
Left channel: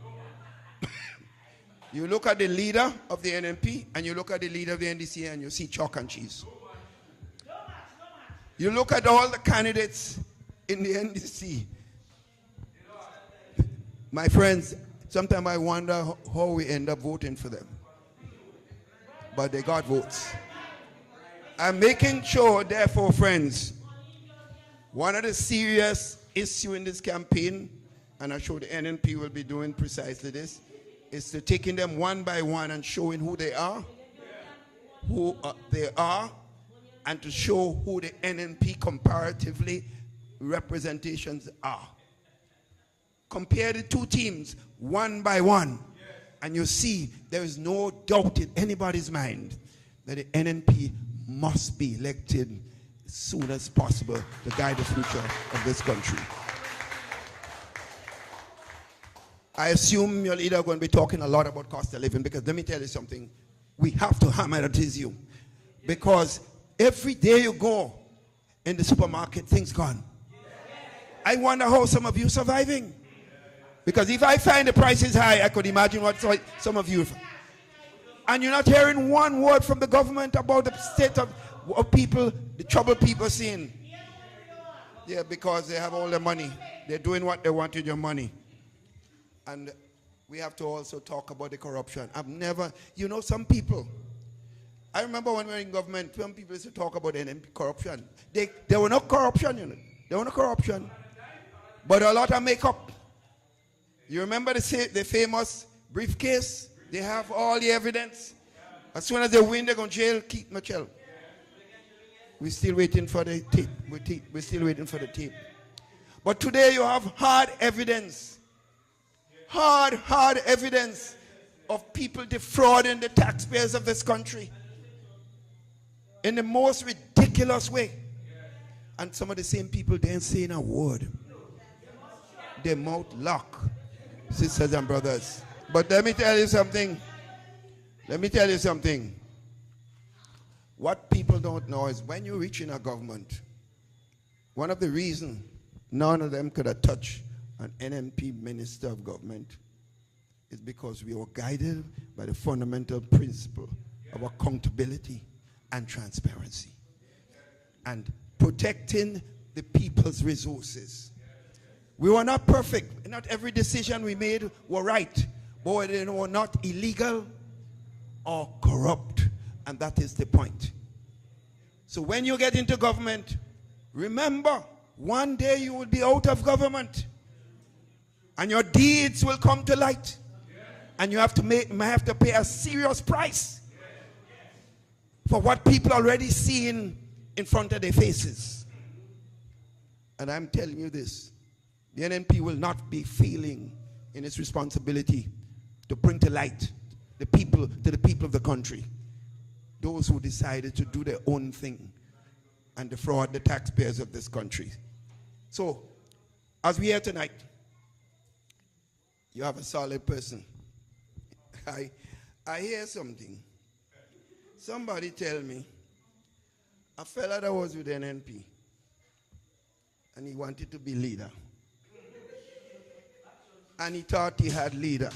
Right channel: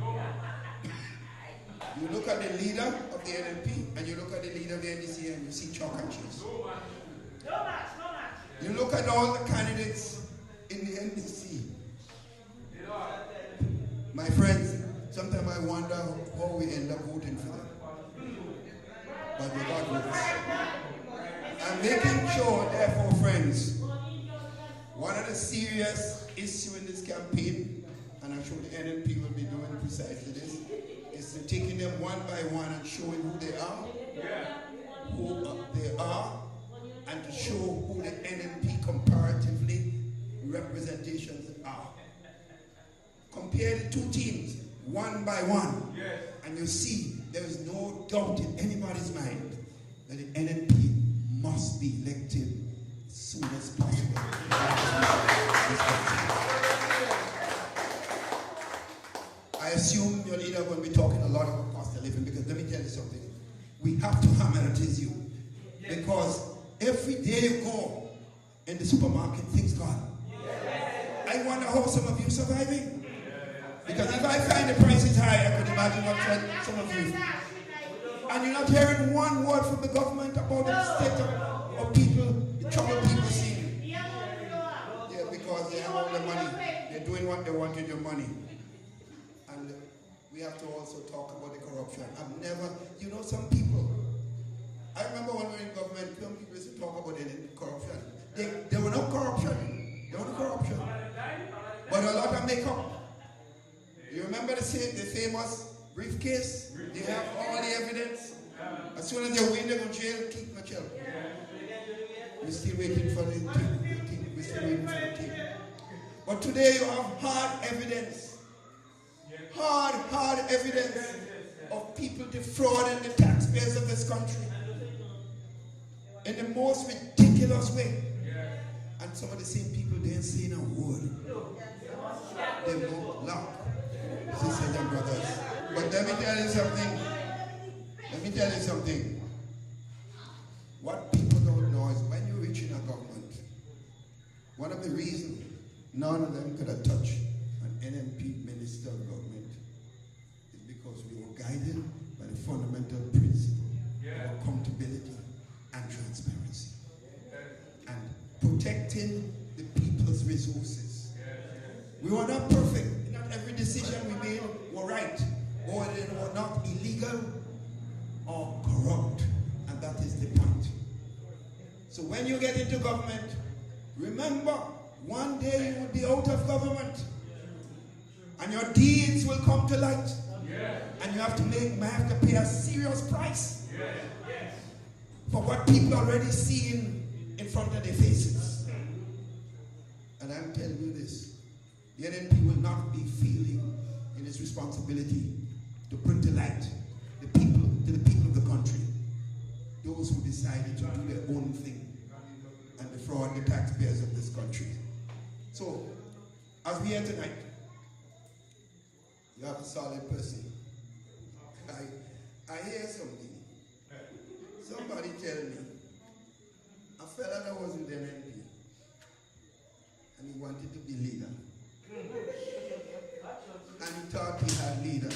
You look at the leader of the NNP and you look at the leader of the NDC and you see chalk and cheese. You look at all the candidates in the NDC. My friends, sometimes I wonder how we end up voting for them. But they got votes. I'm making sure, therefore, friends, one of the serious issues in this campaign, and I'm sure the NNP will be doing precisely this, is to taking them one by one and showing who they are, and to show who the NNP comparatively representations are. Compare the two teams one by one, and you see there is no doubt in anybody's mind that the NNP must be elected as soon as possible to guide the future of this country. I assume your leader is going to be talking a lot about cost of living, because let me tell you something. We have to hammer that is you. Because every day you go in the supermarket, things gone. I wonder how some of you are surviving. Because if I find the prices high, I could imagine what some of you. And you're not hearing one word from the government about the state of people, the trouble people are seeing. Yeah, because they have all the money. They're doing what they want with your money. And we have to also talk about the corruption. Some people, I remember when we were in government, some people used to talk about NNP corruption. There were no corruption, There were no corruption. But a lot of makeup. You remember the famous briefcase? They have all the evidence. As soon as they win, they're going to jail, keep Michelle. We're still waiting for the tape. We're still waiting for the tape. But today you have hard evidence. Hard evidence of people defrauding the taxpayers of this country in the most ridiculous way. And some of the same people, they ain't saying a word. Their mouth locked, sisters and brothers. But let me tell you something. What people don't know is when you reach in a government, one of the reasons none of them could have touched an NNP minister of government is because we were guided by the fundamental principle of accountability and transparency and protecting the people's resources. We were not perfect. Not every decision we made were right, but they were not illegal or corrupt, and that is the point. So when you get into government, remember, one day you will be out of government and your deeds will come to light, and you have to pay a serious price for what people already seeing in front of their faces. And I'm telling you this, the NNP will not be failing in its responsibility to bring to light the people of the country, those who decided to do their own thing and defraud the taxpayers of this country. So, as we hear tonight, you have a solid person. I hear something. Somebody tell me, a fella that was with NNP and he wanted to be leader. And he thought he had leader.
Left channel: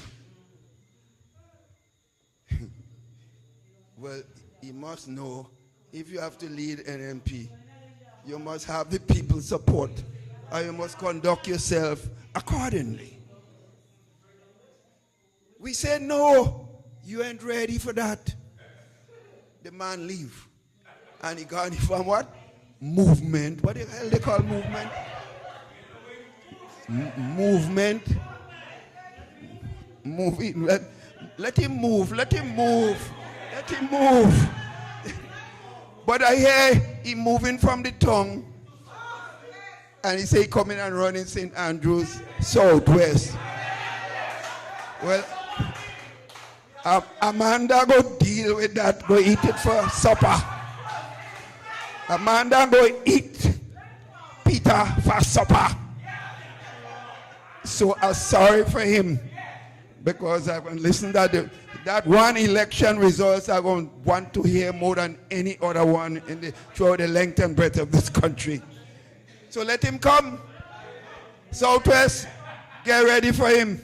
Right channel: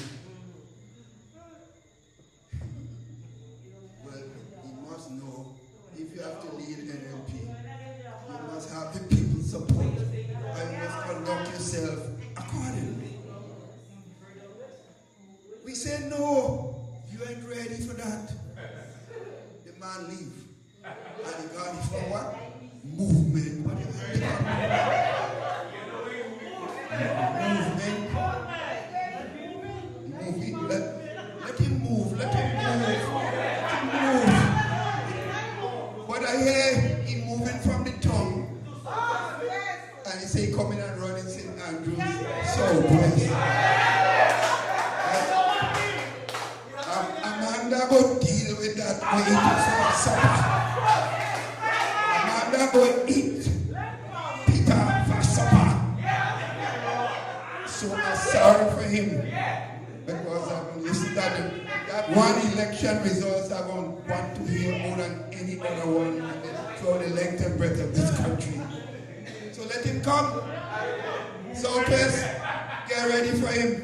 Well, he must know if you have to lead NNP, you must have the people's support, and you must conduct yourself accordingly. We said, no, you ain't ready for that. The man leave. And he got it from what? Movement. What the hell they call movement? Moving. Let him move. Let him move. Let him move. But I hear he moving from the tongue. And he say he coming and running St. Andrews, Southwest. Well, Amanda go deal with that. Go eat it for supper. Amanda go eat Peter for supper. So I'm sorry for him, because I've been listening to them. That one election results I'm going to want to hear more than any other one throughout the length and breadth of this country. So let him come. Southwest, get ready for him.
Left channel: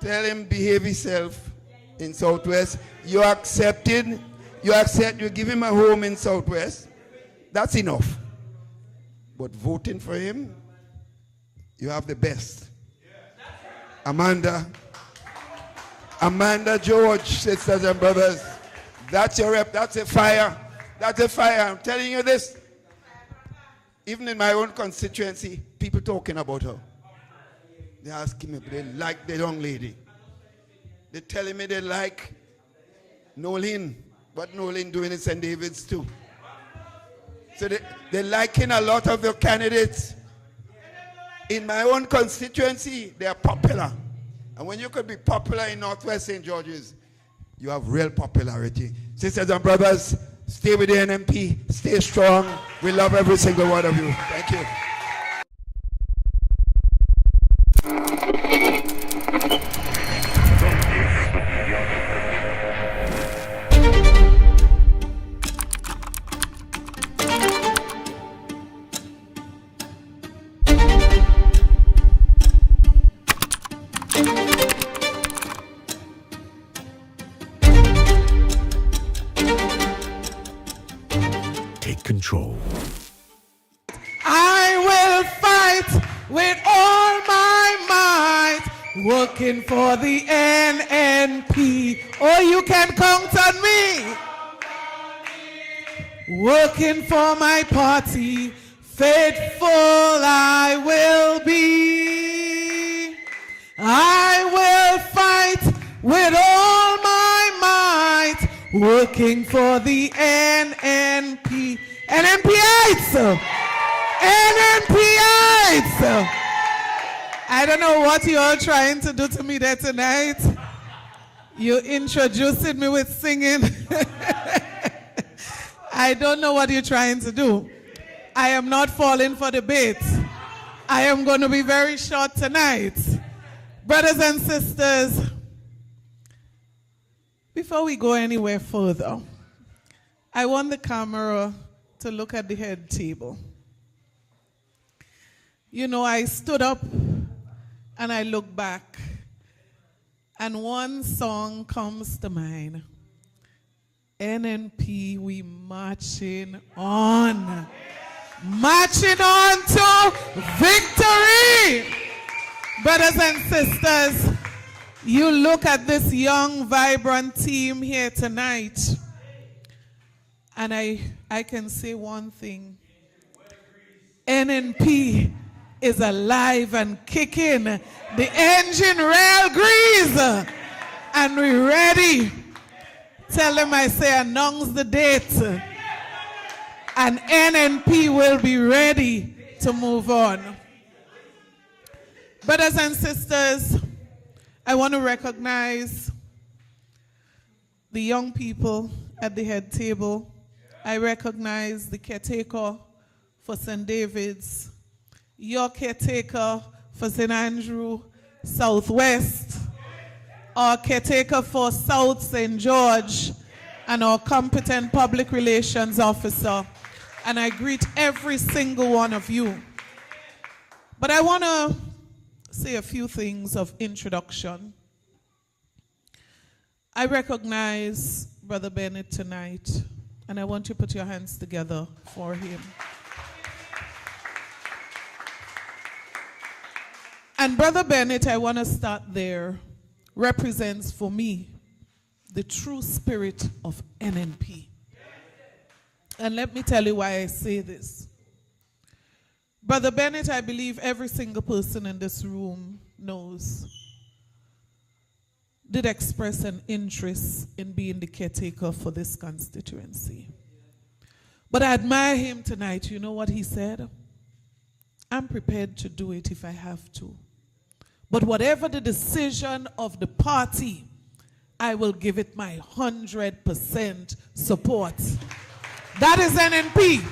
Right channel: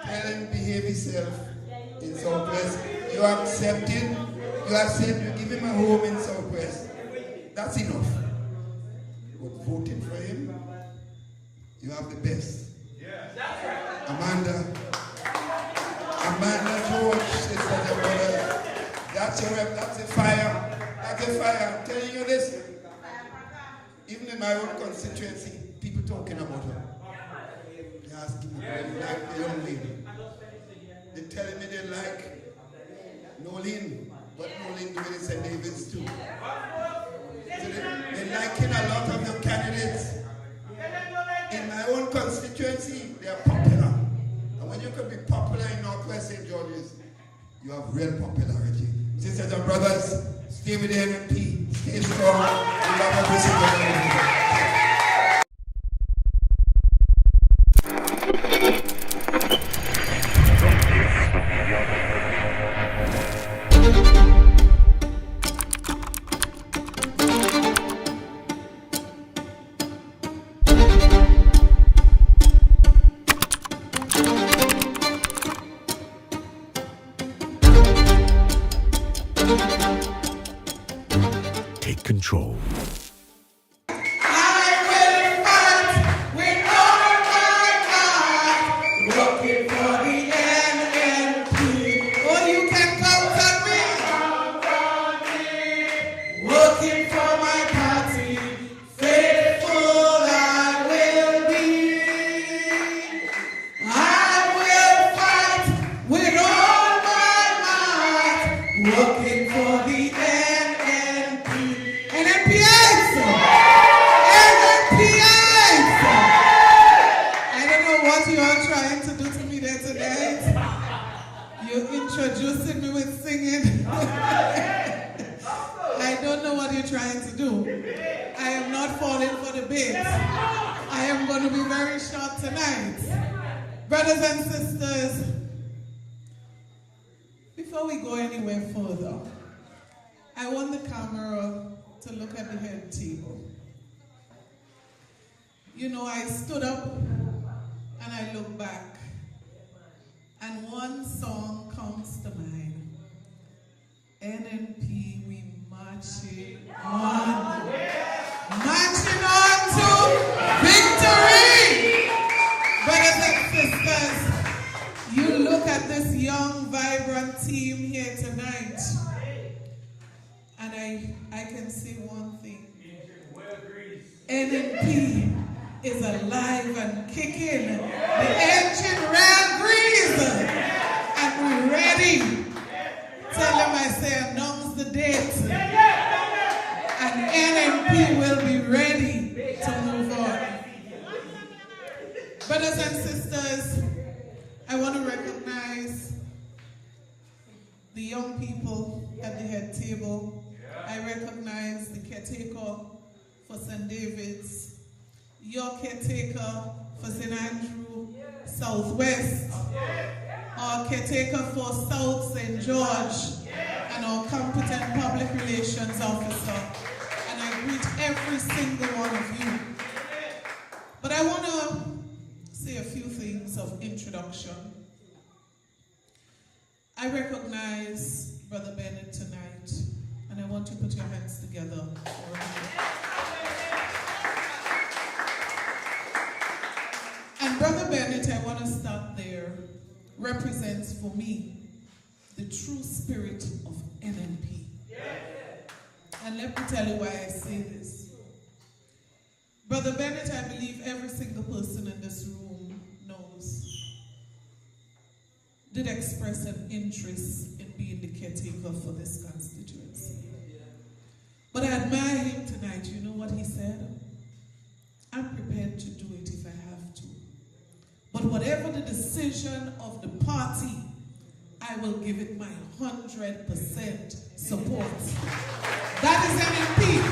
Tell him behave himself in Southwest. You accept, you give him a home in Southwest. That's enough. But voting for him, you have the best. Amanda George, sisters and brothers, that's your rep, that's a fire. That's a fire. I'm telling you this. Even in my own constituency, people talking about her. They asking me, they like the young lady. They're telling me they like Nolene, but Nolene doing it St. David's too. So they're liking a lot of your candidates. In my own constituency, they are popular. And when you could be popular in Northwest St. George's, you have real popularity. Sisters and brothers, stay with the NNP, stay strong. We love every single one of you. Thank you. Take control. working for the NNP. Oh, you can count on me. Working for my party, faithful I will be. I will fight with all my might, working for the NNP. NNPites! NNPites! I don't know what you are trying to do to me there tonight. You introducing me with singing. I don't know what you're trying to do. I am not falling for the bait. I am going to be very short tonight. Brothers and sisters, before we go anywhere further, I want the camera to look at the head table. You know, I stood up and I look back, and one song comes to mind. NNP, we marching on. Marching on to victory. Brothers and sisters, you look at this young, vibrant team here tonight, and I can say one thing. NNP is alive and kicking. The engine rail grease, and we're ready. Tell them I say announce the date, and NNP will be ready to move on. Brothers and sisters, I want to recognize the young people at the head table. I recognize the caretaker for St. David's, your caretaker for St. Andrew Southwest, our caretaker for South St. George, and our competent public relations officer. And I greet every single one of you. But I want to say a few things of introduction. I recognize Brother Bennett tonight, and I want you to put your hands together for him. And Brother Bennett, I want to start there, represents for me the true spirit of NNP. And let me tell you why I say this. Brother Bennett, I believe every single person in this room knows, did express an interest in being the caretaker for this constituency. But I admire him tonight. You know what he said? I'm prepared to do it if I have to. But whatever the decision of the party, I will give it my 100% support. That is NNP.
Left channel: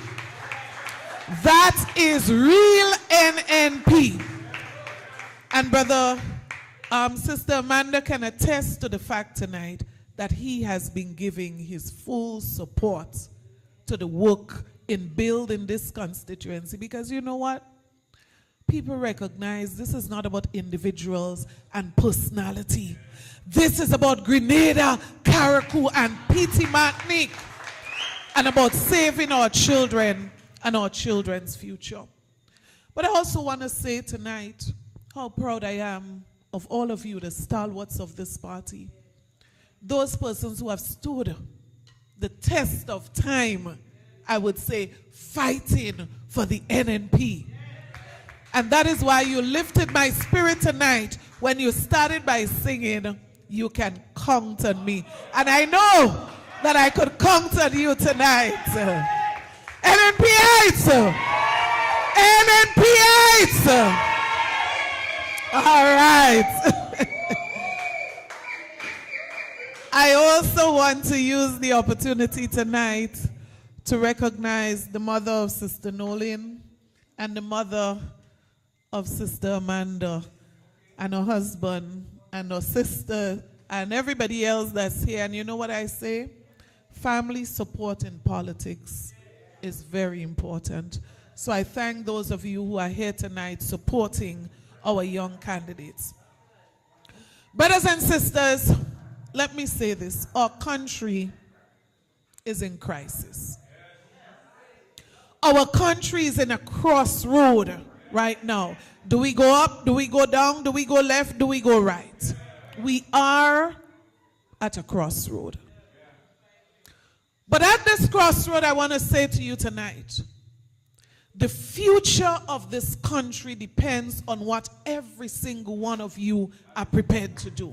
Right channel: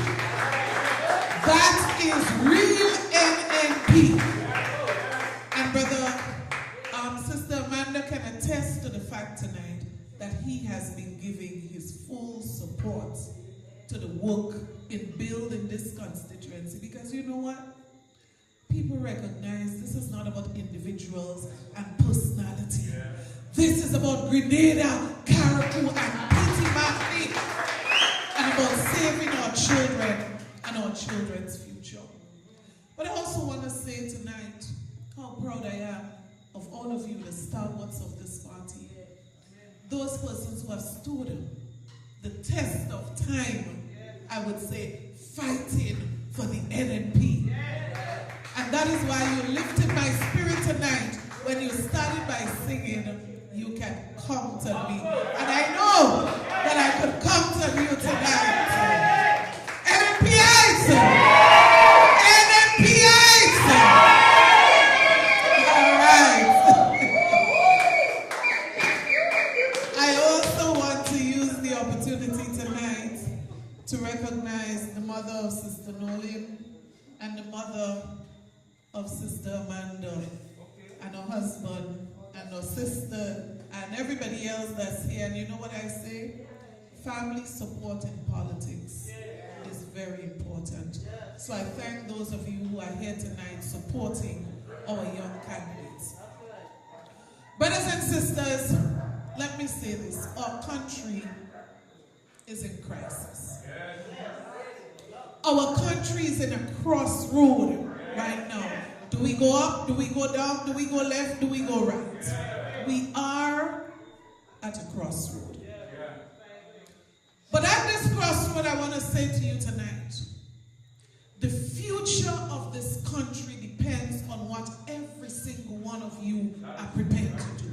That is real NNP. And Brother, Sister Amanda can attest to the fact tonight that he has been giving his full support to the work in building this constituency. Because you know what? People recognize this is not about individuals and personality. This is about Grenada, Carriacou, and Petit Martinique, and about saving our children and our children's future. But I also want to say tonight how proud I am of all of you, the stalwarts of this party. Those persons who have stood the test of time, I would say, fighting for the NNP. And that is why you lifted my spirit tonight when you started by singing, "You can count on me." And I know that I could count on you tonight. NNPites! NNPites! All right. I also want to use the opportunity tonight to recognize the mother of Sister Nolan and the mother of Sister Amanda and her husband and her sister and everybody else that's here. And you know what I say? Family support in politics is very important. So I thank those of you who are here tonight supporting our young candidates. Brothers and sisters, let me say this. Our country is in crisis. Our country is in a crossroad right now. Do we go up? Do we go down? Do we go left? Do we go right? We are at a crossroad. But at this crossroad, I want to say to you tonight, the future of this country depends on what every single one of you are prepared to do.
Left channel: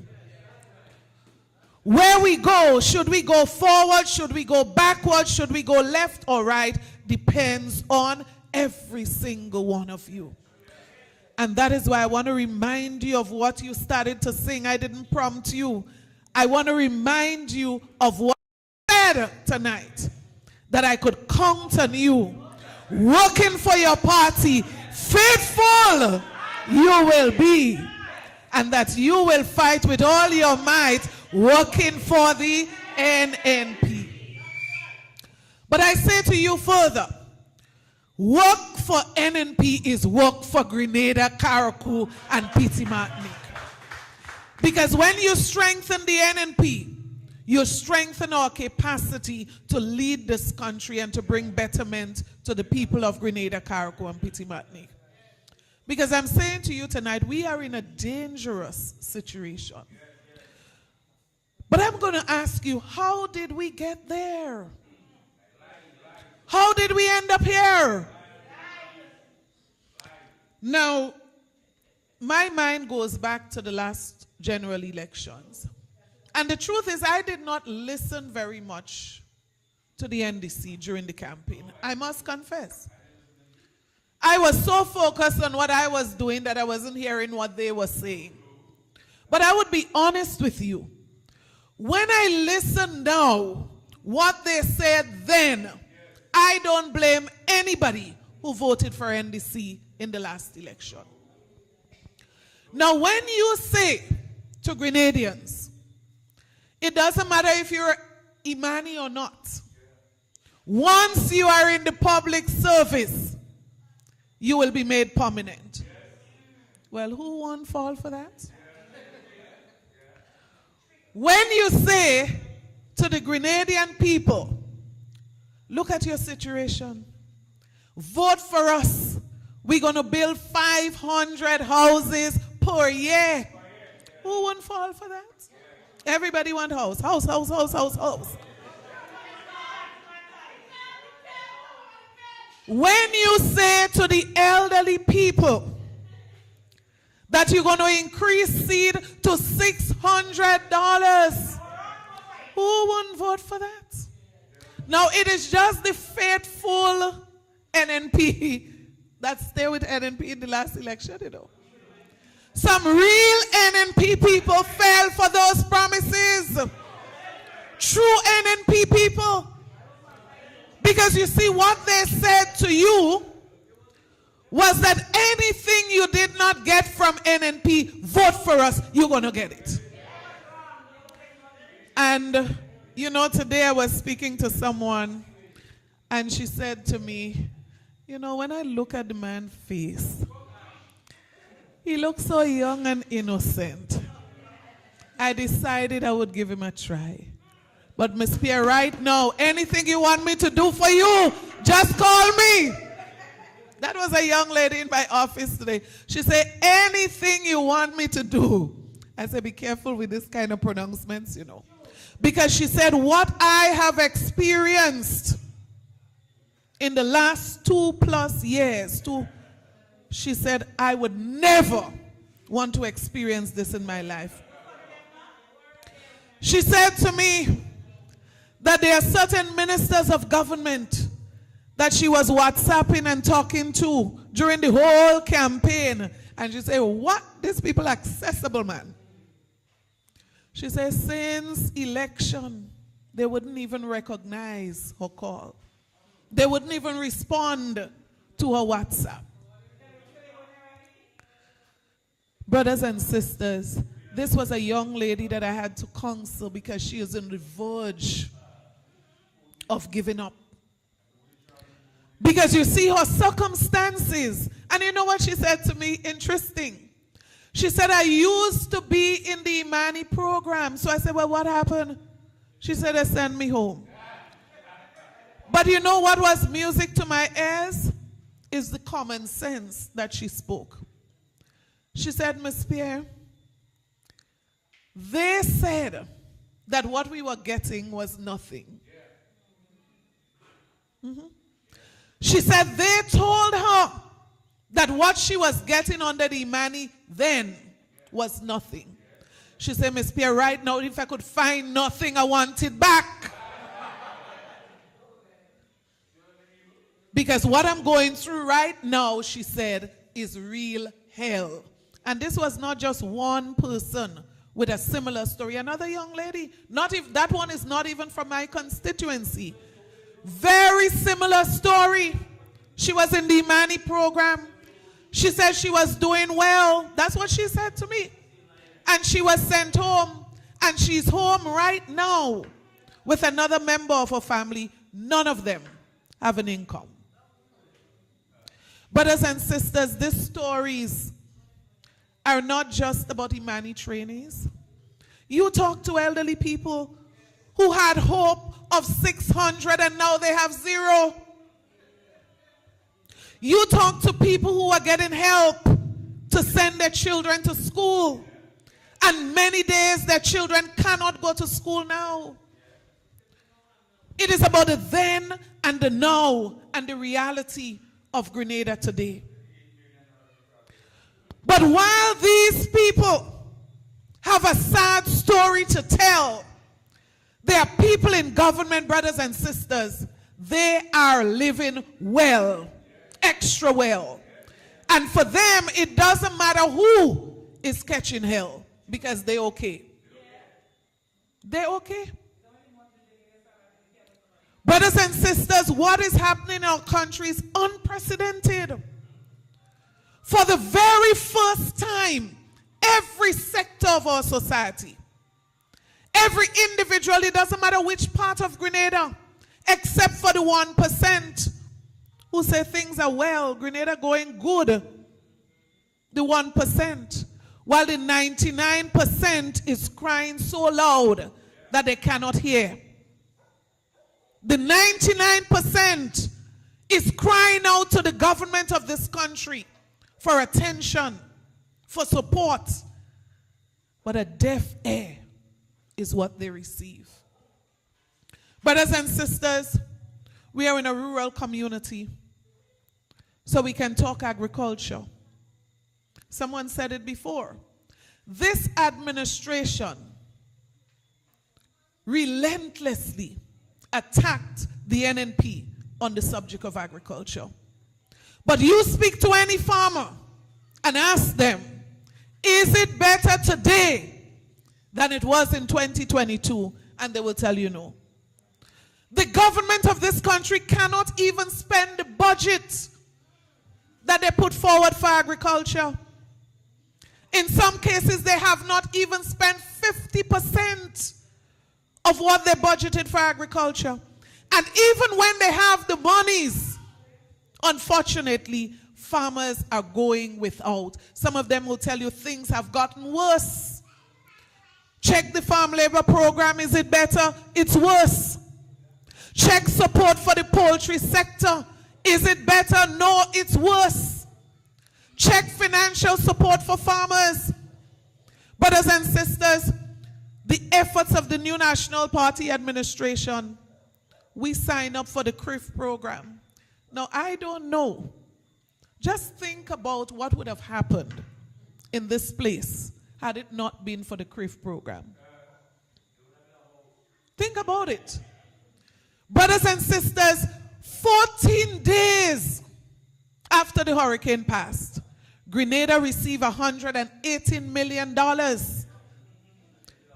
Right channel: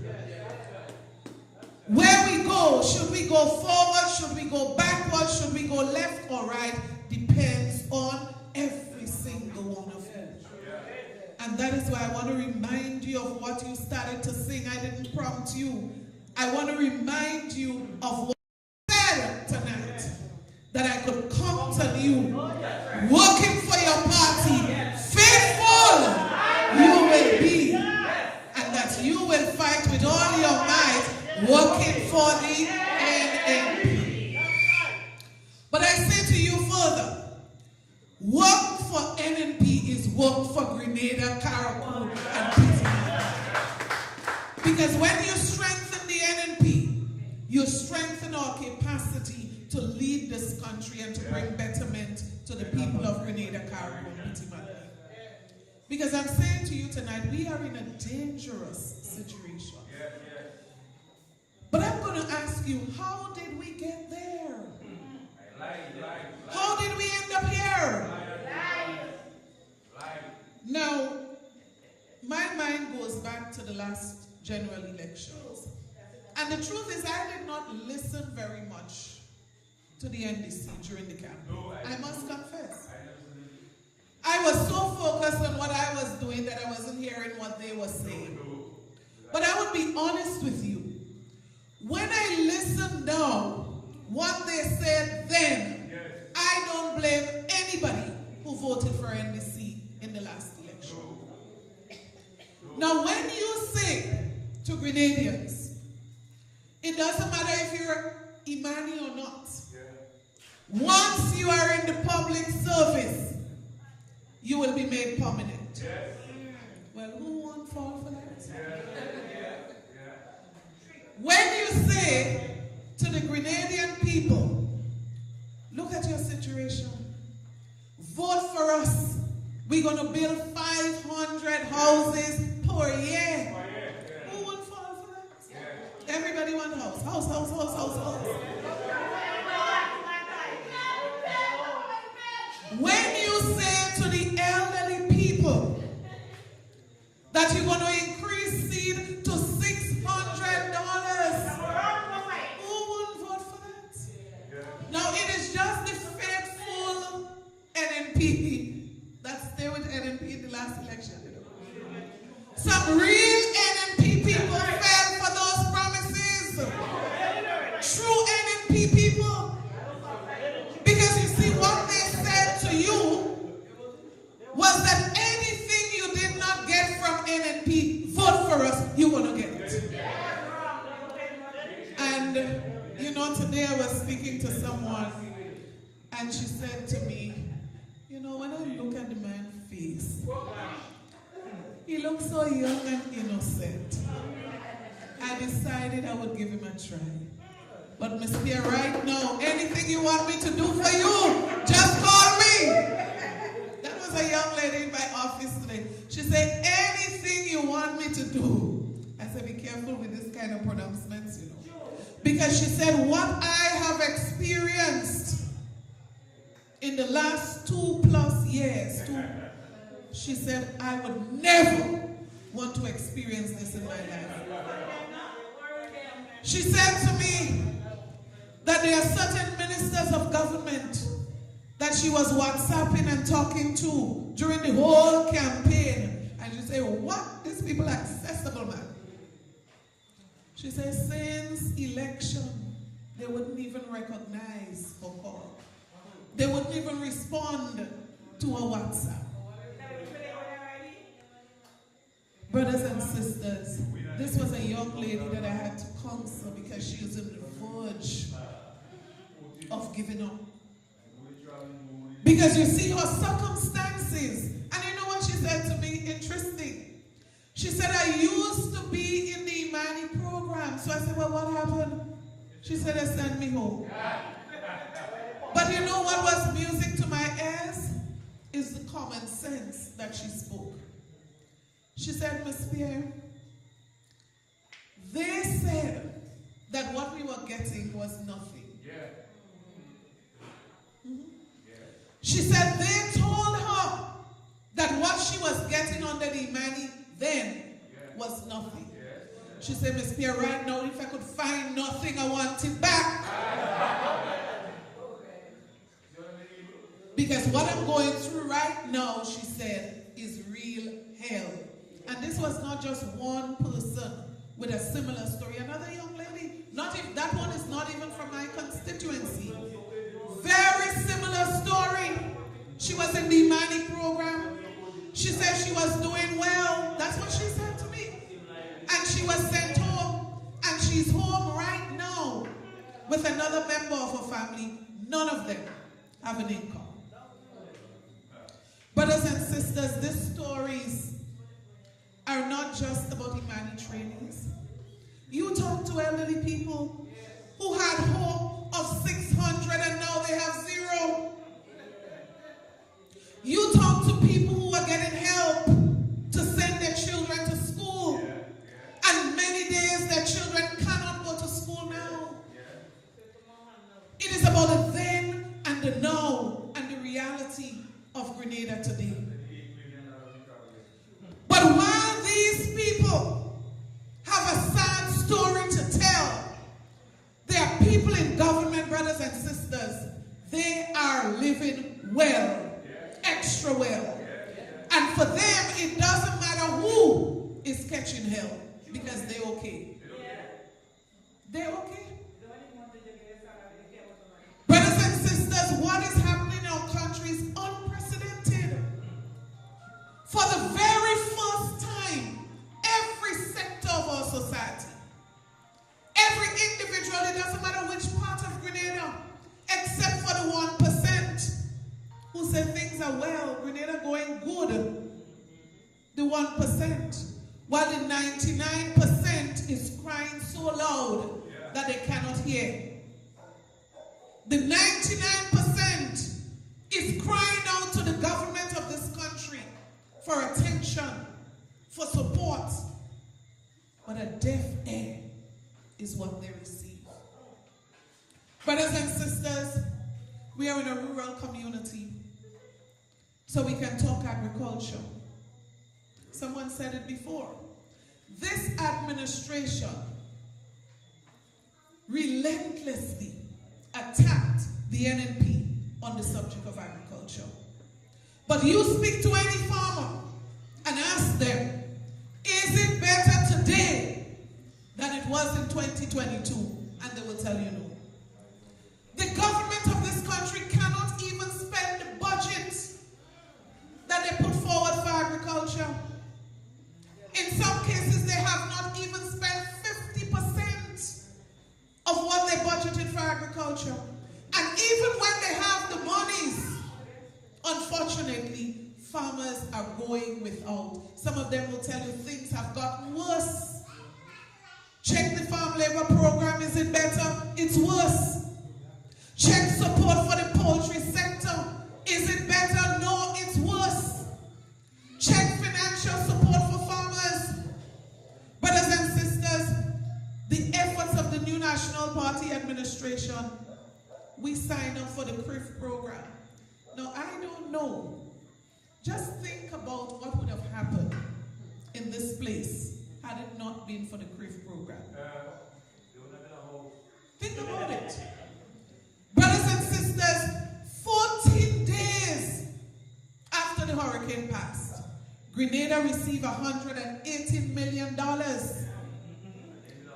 Where we go, should we go forward, should we go backward, should we go left or right, depends on every single one of you. And that is why I want to remind you of what you started to sing. I didn't prompt you. I want to remind you of what I said tonight. That I could count on you, working for your party. Faithful you will be. And that you will fight with all your might, working for the NNP. But I say to you further, work for NNP is work for Grenada, Carriacou, and Petit Martin. Because when you strengthen the NNP, you strengthen our capacity to lead this country and to bring betterment to the people of Grenada, Carriacou, and Petit Martin. Because I'm saying to you tonight, we are in a dangerous situation. But I'm going to ask you, how did we get there? How did we end up here? Now, my mind goes back to the last general elections. And the truth is, I did not listen very much to the NDC during the campaign. I must confess. I was so focused on what I was doing that I wasn't hearing what they were saying. But I would be honest with you. When I listen now, what they said then, I don't blame anybody who voted for NDC in the last election. Now, when you say to Grenadians, it doesn't matter if you're Imani or not. Once you are in the public service, you will be made permanent. Well, who won't fall for that? When you say to the Grenadian people, look at your situation. Vote for us. We're going to build 500 houses per year. Who won't fall for that? Everybody want house. House, house, house, house, house. When you say to the elderly people that you're going to increase seed to $600, who wouldn't vote for that? Now, it is just the faithful NNP that stayed with NNP in the last election, you know. Some real NNP people fell for those promises. True NNP people. Because you see, what they said to you was that anything you did not get from NNP, vote for us, you're going to get it. And, you know, today I was speaking to someone, and she said to me, you know, when I look at the man's face, he looks so young and innocent. I decided I would give him a try. But Miss Pierre, right now, anything you want me to do for you, just call me. That was a young lady in my office today. She said, anything you want me to do. I said, be careful with this kind of pronouncements, you know. Because she said, what I have experienced in the last 2+ years, she said, I would never want to experience this in my life. She said to me that there are certain ministers of government that she was WhatsApping and talking to during the whole campaign. And she said, what? These people are accessible, man. She said, since election, they wouldn't even recognize her call. They wouldn't even respond to her WhatsApp. Brothers and sisters, this was a young lady that I had to counsel because she is on the verge of giving up. Because you see her circumstances. And you know what she said to me? Interesting. She said, I used to be in the Imani program. So I said, well, what happened? She said, they sent me home. But you know what was music to my ears? Is the common sense that she spoke. She said, Miss Pierre, they said that what we were getting was nothing. She said they told her that what she was getting under the Imani then was nothing. She said, Miss Pierre, right now, if I could find nothing, I want it back. Because what I'm going through right now, she said, is real hell. And this was not just one person with a similar story. Another young lady, not if that one is not even from my constituency. Very similar story. She was in the Imani program. She said she was doing well. That's what she said to me. And she was sent home. And she's home right now with another member of her family. None of them have an income. Brothers and sisters, these stories are not just about Imani trainees. You talk to elderly people who had hope of 600 and now they have 0. You talk to people who are getting help to send their children to school, and many days their children cannot go to school now. It is about the then and the now and the reality of Grenada today. But while these people have a sad story to tell, there are people in government, brothers and sisters, they are living well, extra well. And for them, it doesn't matter who is catching hell, because they're okay. They're okay. Brothers and sisters, what is happening in our country is unprecedented. For the very first time, every sector of our society, every individual, it doesn't matter which part of Grenada, except for the 1% who say things are well, Grenada going good. The 1%, while the 99% is crying so loud that they cannot hear. The 99% is crying out to the government of this country for attention, for support. But a deaf ear is what they receive. Brothers and sisters, we are in a rural community, so we can talk agriculture. Someone said it before. This administration relentlessly attacked the NNP on the subject of agriculture. But you speak to any farmer and ask them, is it better today than it was in 2022? And they will tell you no. The government of this country cannot even spend the budget that they put forward for agriculture. In some cases, they have not even spent 50% of what they budgeted for agriculture. And even when they have the monies, unfortunately, farmers are going without. Some of them will tell you things have gotten worse. Check the farm labor program. Is it better? It's worse. Check support for the poultry sector. Is it better? No, it's worse. Check financial support for farmers. Brothers and sisters, the efforts of the new National Party administration, we sign up for the CRIF program. Now, I don't know. Just think about what would have happened in this place had it not been for the CRIF program. Think about it. Brothers and sisters, 14 days after the hurricane passed, Grenada received $118 million.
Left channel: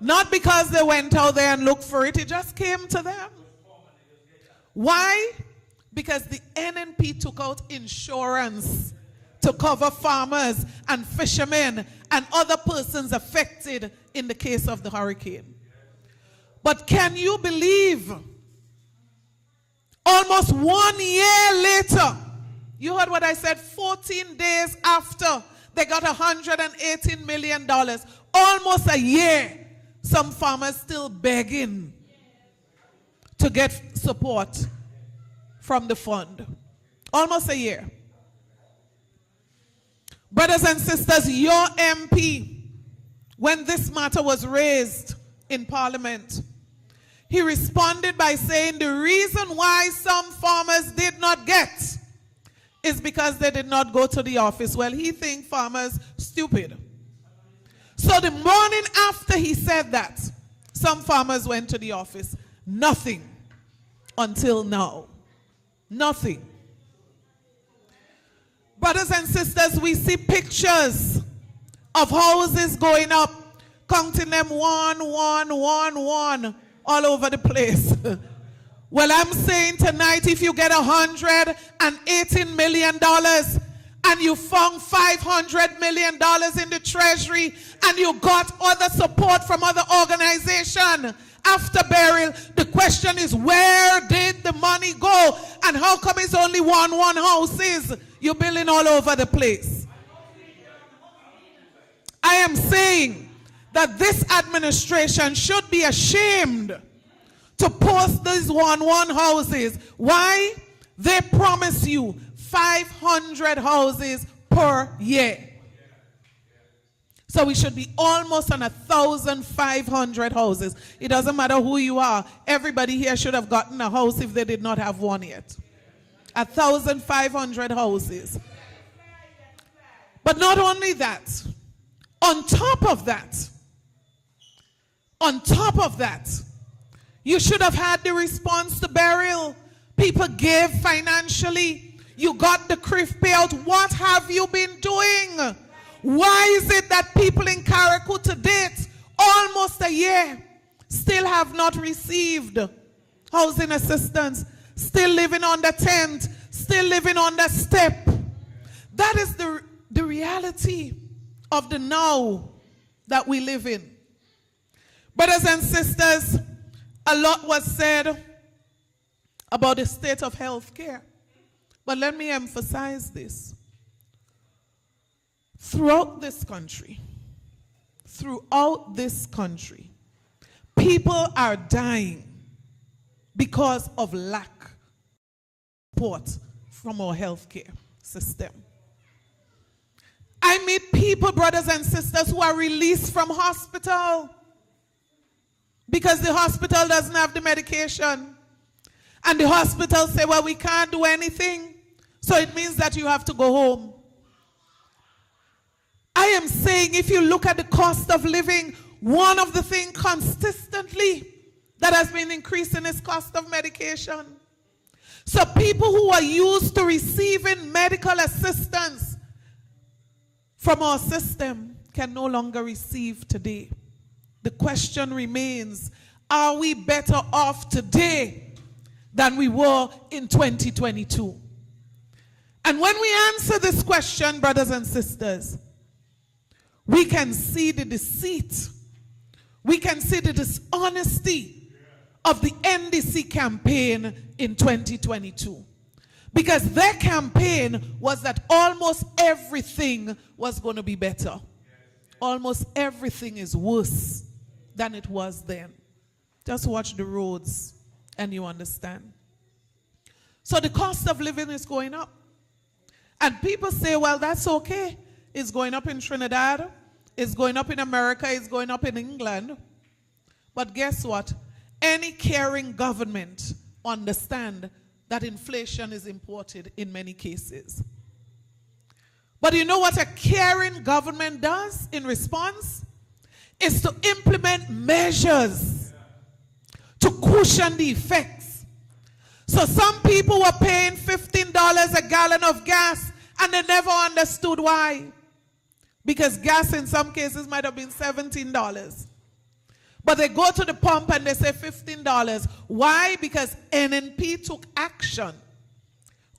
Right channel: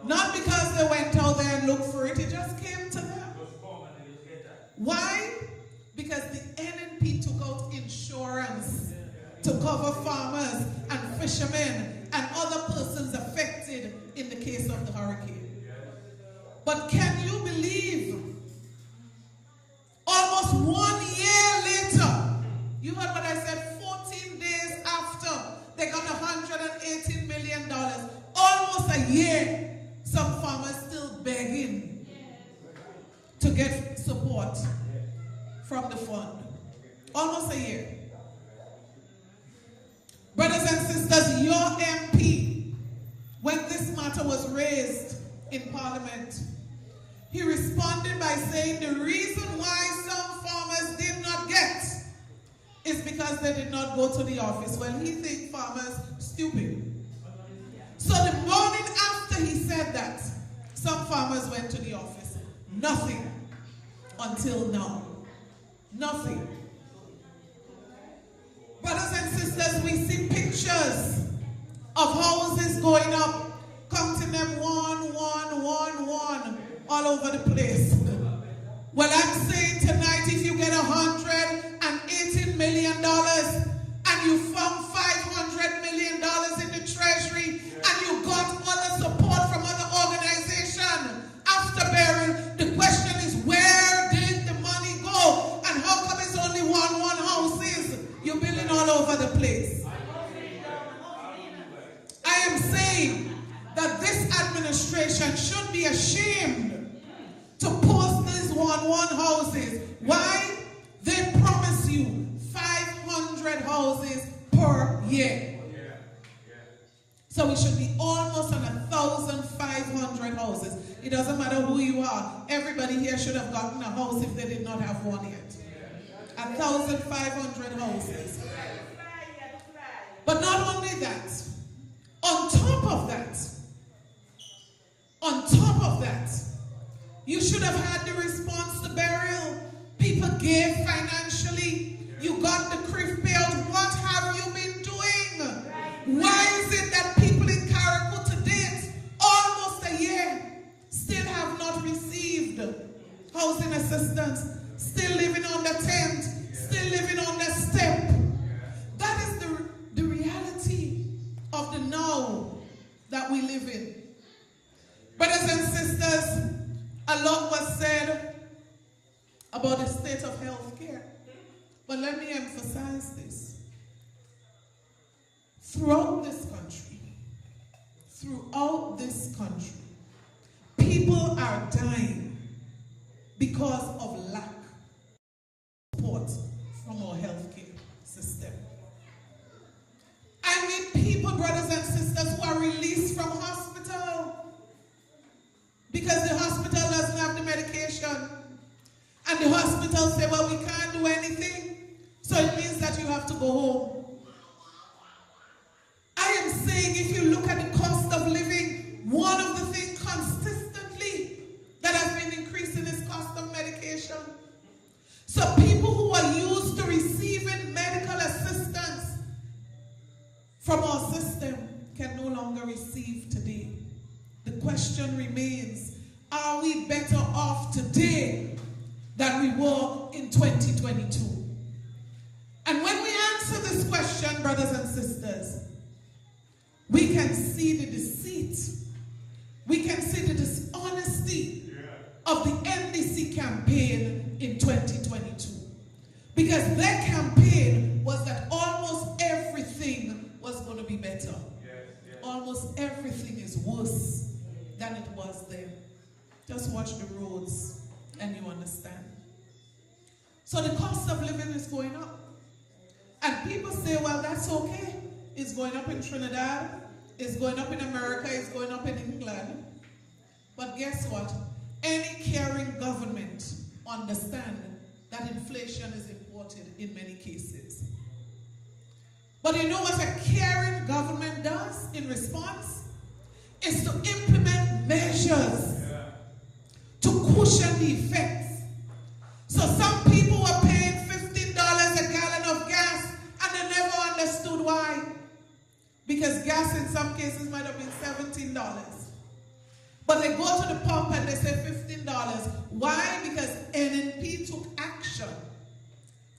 Not because they went out there and looked for it, it just came to them. Why? Because the NNP took out insurance to cover farmers and fishermen and other persons affected in the case of the hurricane. But can you believe, almost 1 year later, you heard what I said, 14 days after they got $118 million, almost a year, some farmers still begging to get support from the fund. Almost a year. Brothers and sisters, your MP, when this matter was raised in Parliament, he responded by saying the reason why some farmers did not get is because they did not go to the office. Well, he thinks farmers stupid. So the morning after he said that, some farmers went to the office. Nothing until now. Nothing. Brothers and sisters, we see pictures of houses going up, counting them one, all over the place. Well, I'm saying tonight, if you get $118 million and you found $500 million in the treasury and you got other support from other organizations after burial, the question is, where did the money go? And how come it's only one houses? You're building all over the place. I am saying that this administration should be ashamed to post these one houses. Why? They promise you 500 houses per year. So we should be almost on 1,500 houses. It doesn't matter who you are. Everybody here should have gotten a house if they did not have one yet. 1,500 houses. But not only that, on top of that, you should have had the response to burial. People gave financially. You got the CRIF payout. What have you been doing? Why is it that people in Carriacou to date, almost a year, still have not received housing assistance, still living on the tent, still living on the step? That is the reality of the now that we live in. Brothers and sisters, a lot was said about the state of health care. But let me emphasize this. Throughout this country, people are dying because of lack of support from our healthcare system. I meet people, brothers and sisters, who are released from hospital because the hospital doesn't have the medication. And the hospital say, well, we can't do anything, so it means that you have to go home. I am saying, if you look at the cost of living, one of the things consistently that has been increasing is cost of medication. So people who are used to receiving medical assistance from our system can no longer receive today. The question remains, are we better off today than we were in 2022? And when we answer this question, brothers and sisters, we can see the deceit, we can see the dishonesty of the NDC campaign in 2022. Because their campaign was that almost everything was going to be better. Almost everything is worse than it was then. Just watch the roads and you understand. So the cost of living is going up. And people say, well, that's okay. It's going up in Trinidad, it's going up in America, it's going up in England. But guess what? Any caring government understands that inflation is imported in many cases. But you know what a caring government does in response? Is to implement measures to cushion the effects. So some people were paying $15 a gallon of gas and they never understood why. Because gas in some cases might have been $17. But they go to the pump and they say $15. Why? Because NNP took action,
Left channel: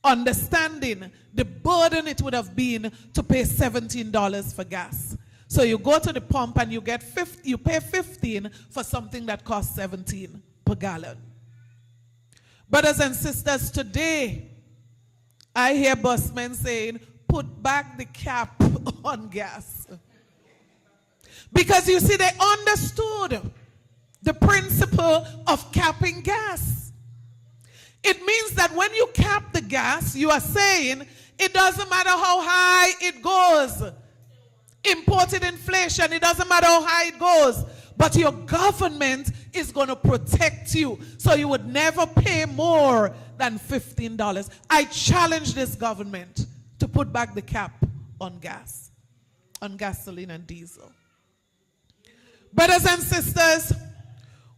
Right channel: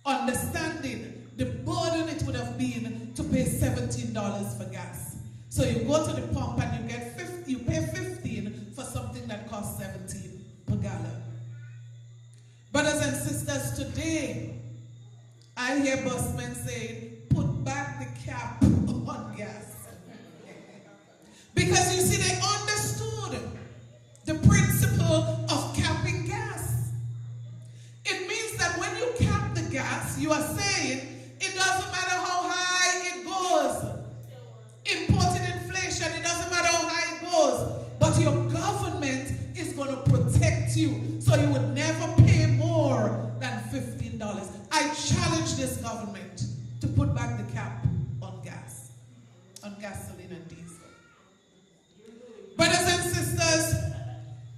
understanding the burden it would have been to pay $17 for gas. So you go to the pump and you pay $15 for something that costs $17 per gallon. Brothers and sisters, today I hear busmen saying, put back the cap on gas. Because you see, they understood the principle of capping gas. It means that when you cap the gas, you are saying, It doesn't matter how high it goes. Imported inflation, it doesn't matter how high it goes. But your government is going to protect you. So you would never pay more than $15. I challenge this government to put back the cap on gas, on gasoline and diesel. Brothers and sisters,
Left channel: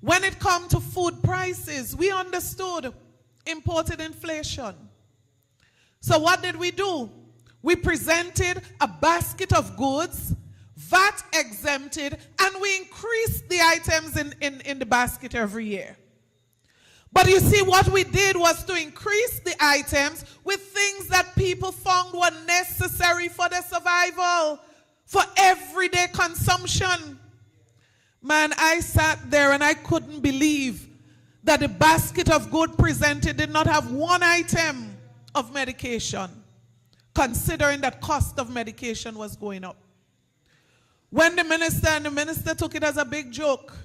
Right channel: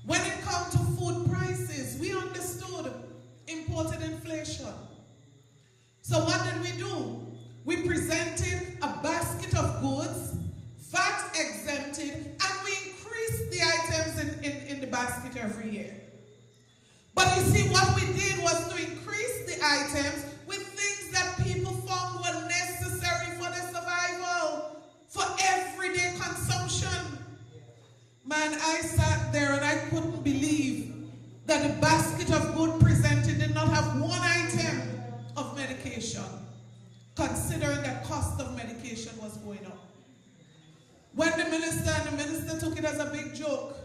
when it comes to food prices, we understood imported inflation. So what did we do? We presented a basket of goods, VAT exempted, and we increased the items in the basket every year. But you see, what we did was to increase the items with things that people found were necessary for their survival, for everyday consumption. Man, I sat there and I couldn't believe that the basket of goods presented did not have one item of medication, considering that cost of medication was going up. When the minister took it as a big joke,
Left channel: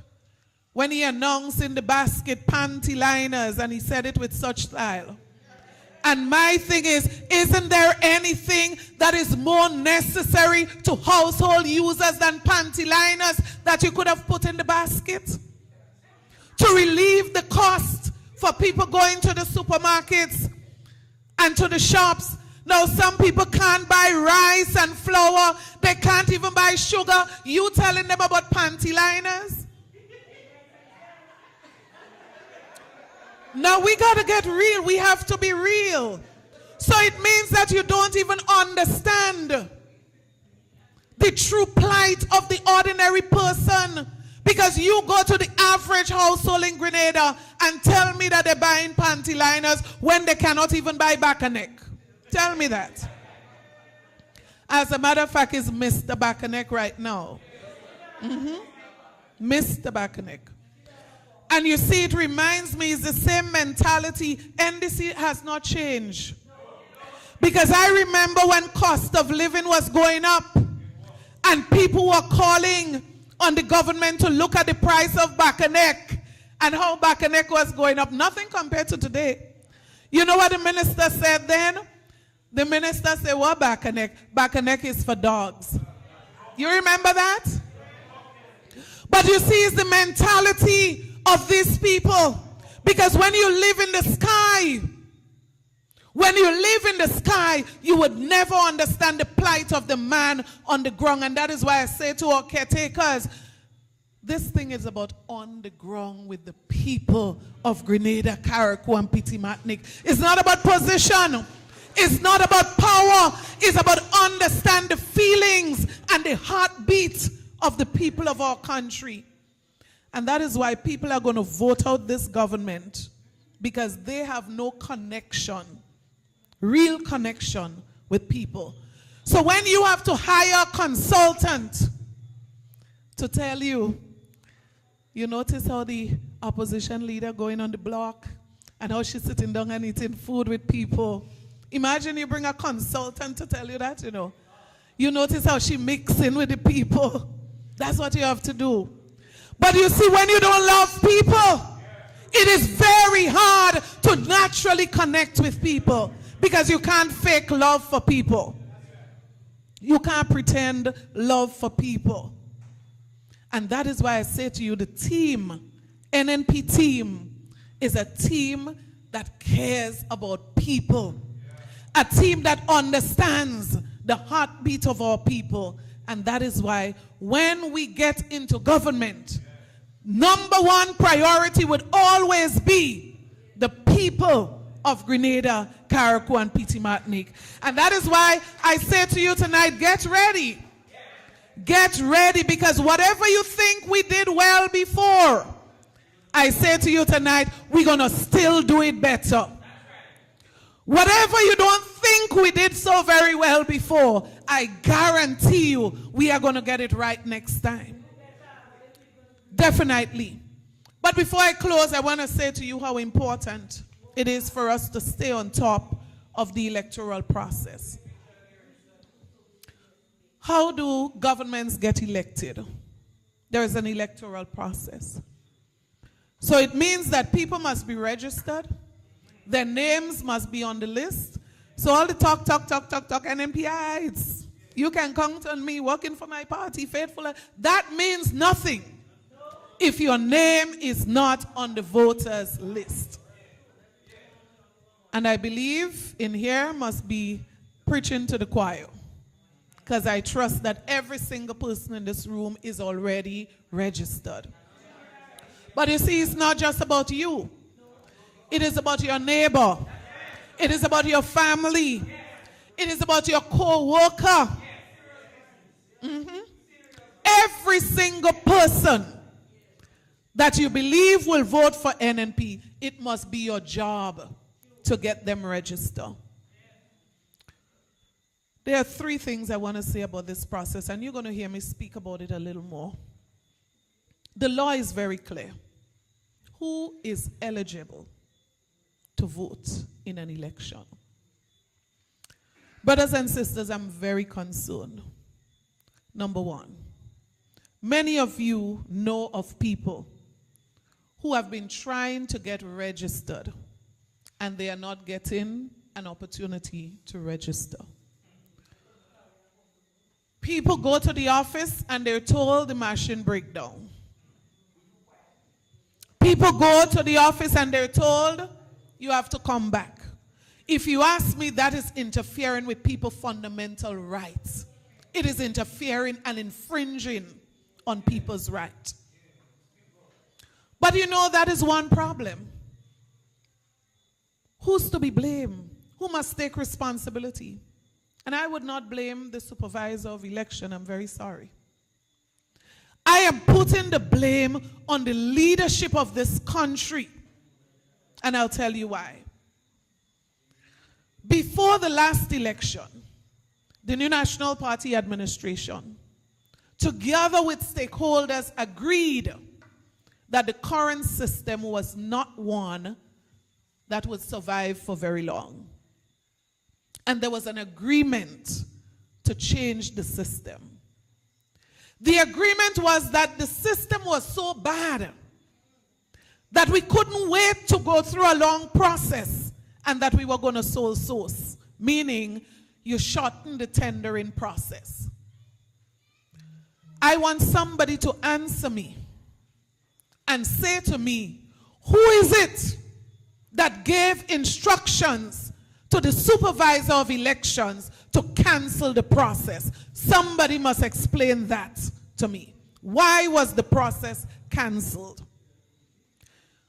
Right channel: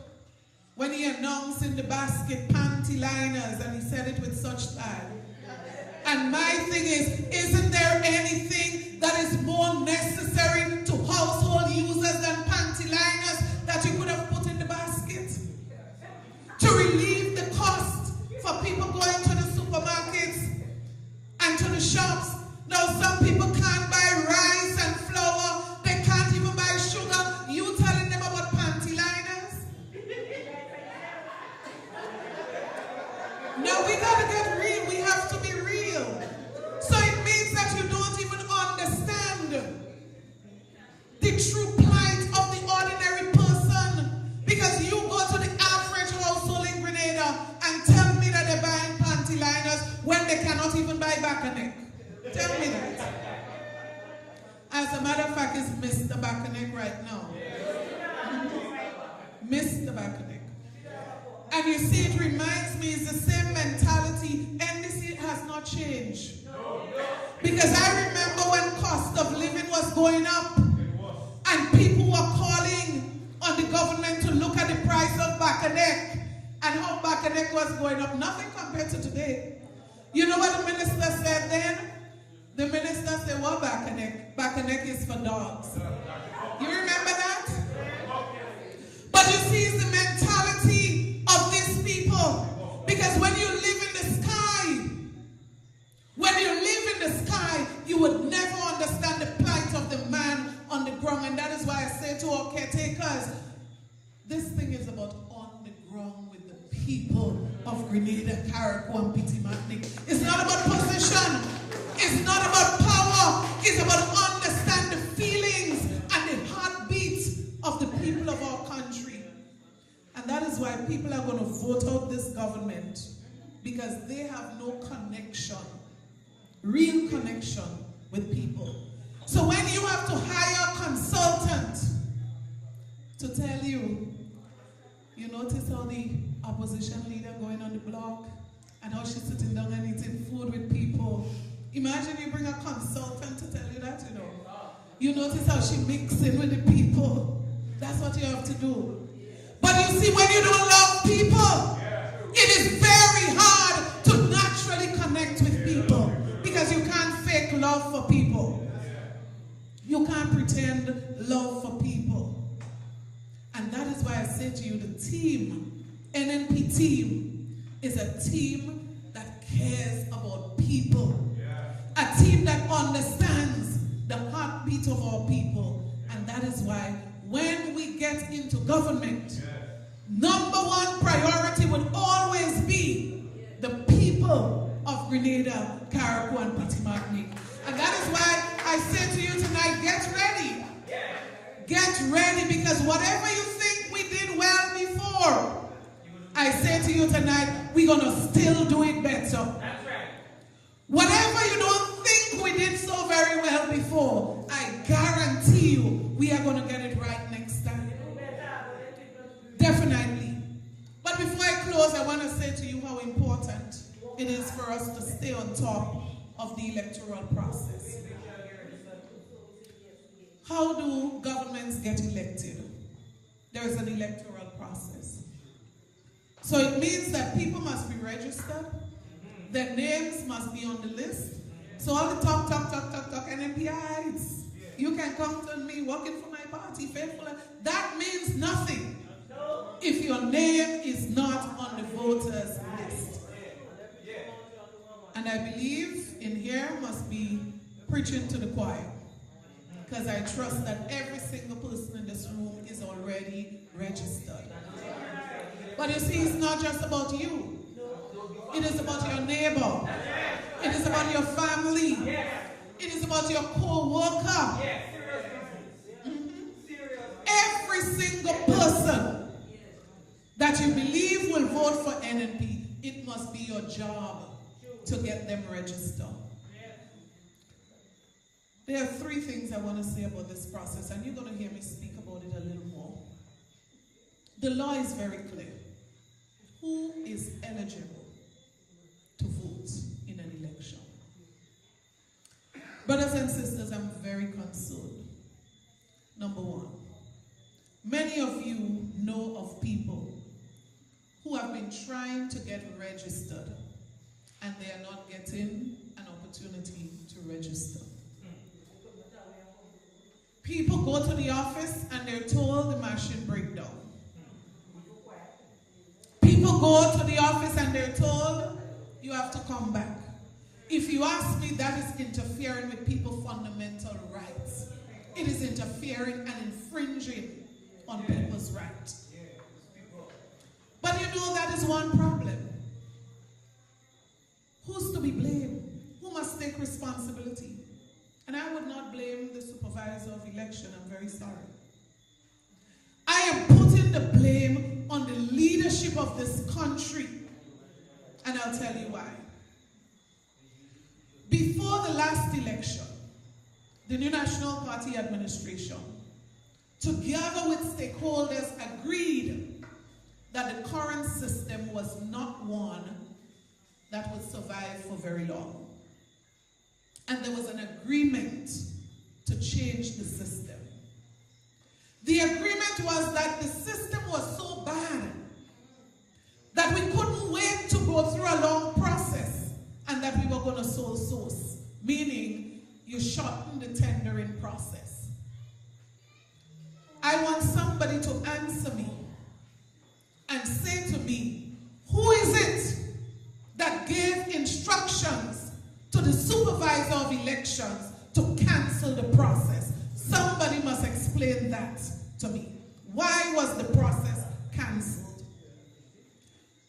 when he announced in the basket panty liners, and he said it with such style. And my thing is, isn't there anything that is more necessary to household users than panty liners that you could have put in the basket? To relieve the cost for people going to the supermarkets and to the shops. Now some people can't buy rice and flour. They can't even buy sugar. You telling them about panty liners? Now we got to get real. We have to be real. So it means that you don't even understand the true plight of the ordinary person. Because you go to the average household in Grenada and tell me that they're buying panty liners when they cannot even buy back a neck. Tell me that. As a matter of fact, it's Mr. Backaneck right now. Mr. Backaneck. And you see, it reminds me, it's the same mentality. NDC has not changed. Because I remember when cost of living was going up and people were calling on the government to look at the price of Backaneck and how Backaneck was going up. Nothing compared to today. You know what the minister said then? The minister said, what Backaneck? Backaneck is for dogs. You remember that? But you see, it's the mentality of these people. Because when you live in the sky, you would never understand the plight of the man on the ground. And that is why I say to our caretakers, this thing is about on the ground with the people of Grenada, Carriacou, and Petit Martinique. It's not about position. It's not about power. It's about understand the feelings and the heartbeat of the people of our country. And that is why people are going to vote out this government, because they have no connection, real connection with people. So when you have to hire a consultant to tell you, you notice how the opposition leader going on the block and how she's sitting down and eating food with people. Imagine you bring a consultant to tell you that, you know. You notice how she mixing with the people. That's what you have to do. But you see, when you don't love people, it is very hard to naturally connect with people, because you can't fake love for people. You can't pretend love for people. And that is why I say to you, the team, NNP team, is a team that cares about people. A team that understands the heartbeat of our people. And that is why when we get into government, number one priority would always be the people of Grenada, Carriacou, and Petit Martinique. And that is why I say to you tonight, get ready. Get ready, because whatever you think we did well before, I say to you tonight, we're going to still do it better. Whatever you don't think we did so very well before, I guarantee you we are going to get it right next time. Definitely. But before I close, I want to say to you how important it is for us to stay on top of the electoral process. How do governments get elected? There is an electoral process. So it means that people must be registered. Their names must be on the list. So all the talk, NNPites, you can count on me working for my party, faithful. That means nothing if your name is not on the voters list. And I believe in here must be preaching to the choir, because I trust that every single person in this room is already registered. But you see, it's not just about you. It is about your neighbor. It is about your family. It is about your co-worker. Every single person that you believe will vote for NNP, it must be your job to get them registered. There are three things I want to say about this process, and you're going to hear me speak about it a little more. The law is very clear. Who is eligible to vote in an election? Brothers and sisters, I'm very concerned. Number one, many of you know of people who have been trying to get registered and they are not getting an opportunity to register. People go to the office and they're told the machine break down. People go to the office and they're told you have to come back. If you ask me, that is interfering with people's fundamental rights. It is interfering and infringing on people's rights. But you know, that is one problem. Who's to be blamed? Who must take responsibility? And I would not blame the supervisor of election. I'm very sorry. I am putting the blame on the leadership of this country. And I'll tell you why. Before the last election, the New National Party administration, together with stakeholders, agreed that the current system was not one that would survive for very long. And there was an agreement to change the system. The agreement was that the system was so bad that we couldn't wait to go through a long process and that we were going to sole source, meaning you shorten the tendering process. I want somebody to answer me and say to me, who is it that gave instructions to the supervisor of elections to cancel the process? Somebody must explain that to me. Why was the process canceled?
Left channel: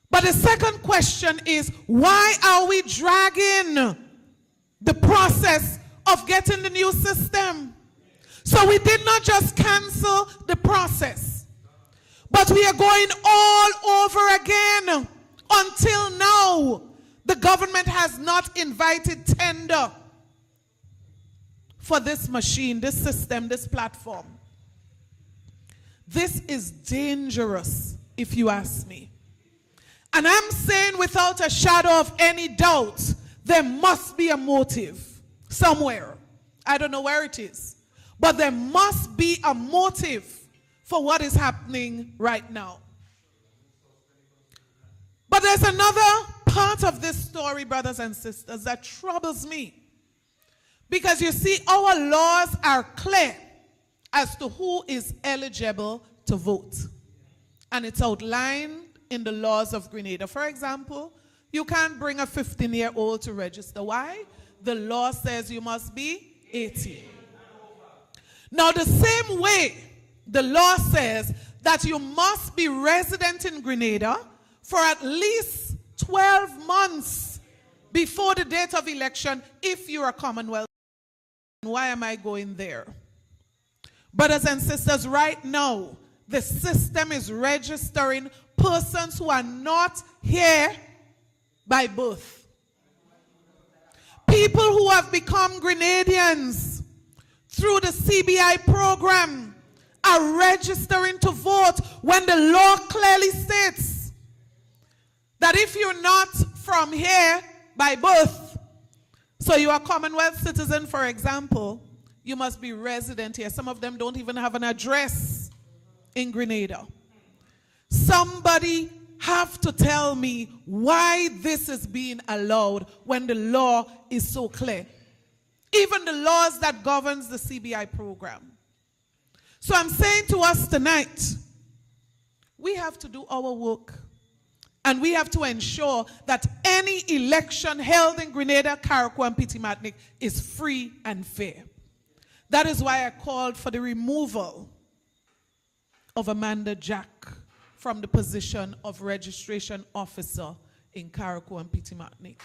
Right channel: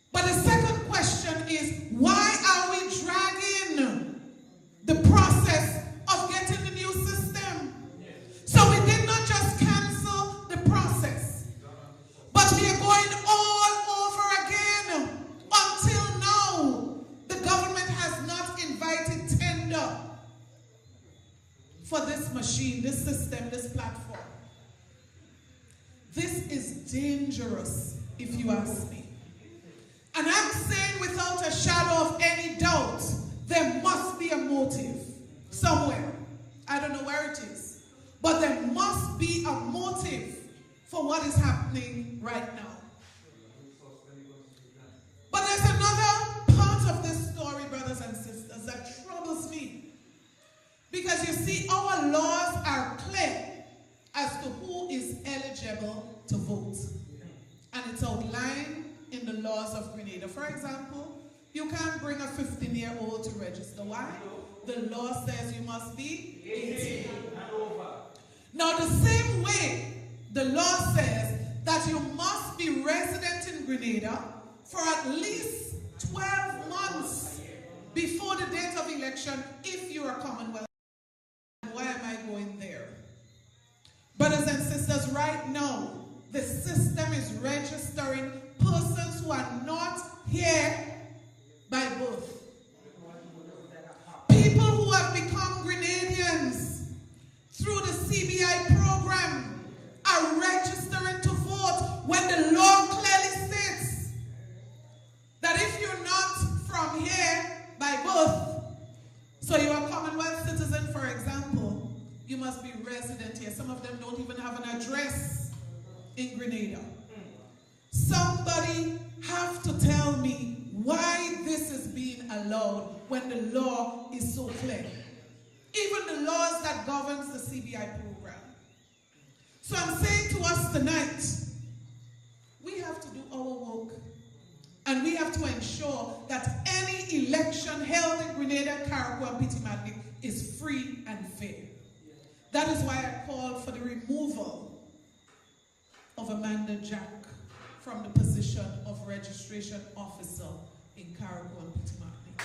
But the second question is, why are we dragging the process of getting the new system? So we did not just cancel the process, but we are going all over again. Until now, the government has not invited tender for this machine, this system, this platform. This is dangerous, if you ask me. And I'm saying without a shadow of any doubt, there must be a motive somewhere. I don't know where it is, but there must be a motive for what is happening right now. But there's another part of this story, brothers and sisters, that troubles me. Because you see, our laws are clear as to who is eligible to vote. And it's outlined in the laws of Grenada. For example, you can't bring a 15-year-old to register. Why? The law says you must be 18. Now, the same way the law says that you must be resident in Grenada for at least 12 months before the date of election if you're a Commonwealth. Why am I going there? Brothers and sisters, right now, the system is registering persons who are not here by birth. People who have become Grenadians through the CBI program are registering to vote when the law clearly states that if you're not from here by birth, so you're a Commonwealth citizen, for example, you must be resident here. Some of them don't even have an address in Grenada. Somebody have to tell me why this is being allowed when the law is so clear. even the laws that governs the CBI program. So I'm saying to us tonight, we have to do our work. And we have to ensure that any election held in Grenada, Carriacou, and Petit Martinique is free and fair. That is why I called for the removal of Amanda Jack from the position of registration officer in Carriacou and Petit Martinique.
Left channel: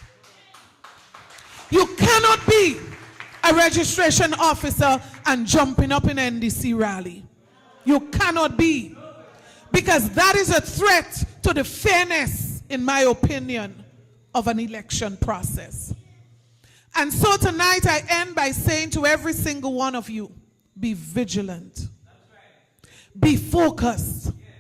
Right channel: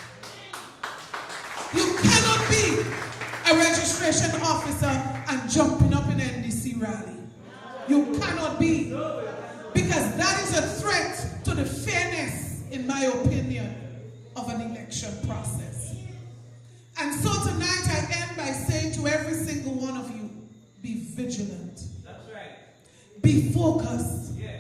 You cannot be a registration officer and jumping up in NDC rally. You cannot be. Because that is a threat to the fairness, in my opinion, of an election process. And so tonight I end by saying to every single one of you, be vigilant. That's right. Be focused. Yeah.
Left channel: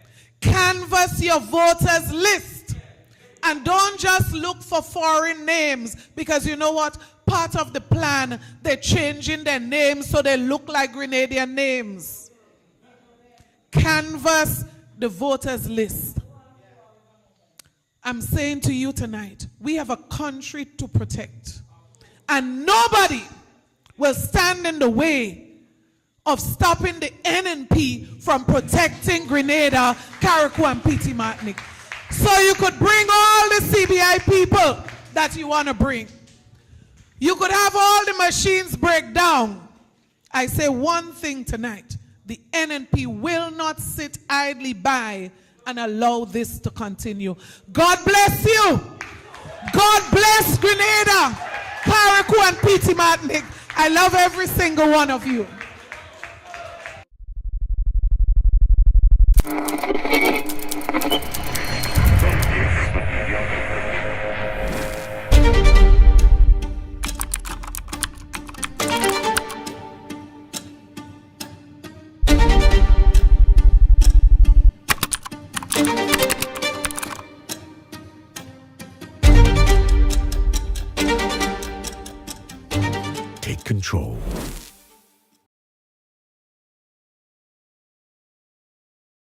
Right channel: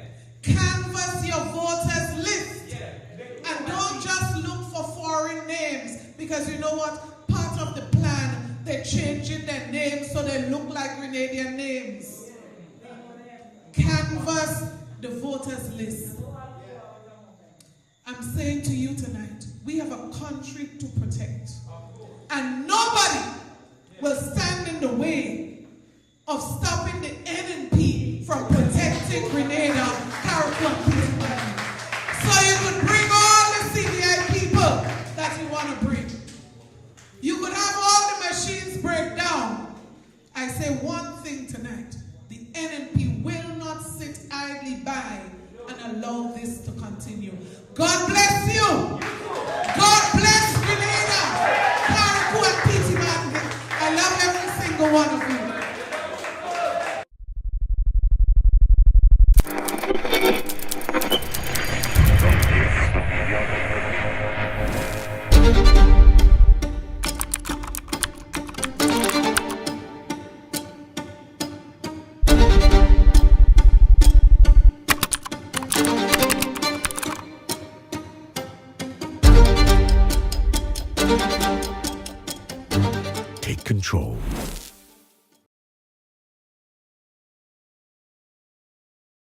Canvass your voters list. Yeah. And don't just look for foreign names, because you know what? Part of the plan, they're changing their names so they look like Grenadian names. Canvass the voters list. I'm saying to you tonight, we have a country to protect. And nobody will stand in the way of stopping the NNP from protecting Grenada, Carriacou, and Petit Martinique. So you could bring all the CBI people that you want to bring. You could have all the machines break down. I say one thing tonight. The NNP will not sit idly by and allow this to continue. God bless you. God bless Grenada, Carriacou, and Petit Martinique. I love every single one of you. Take control.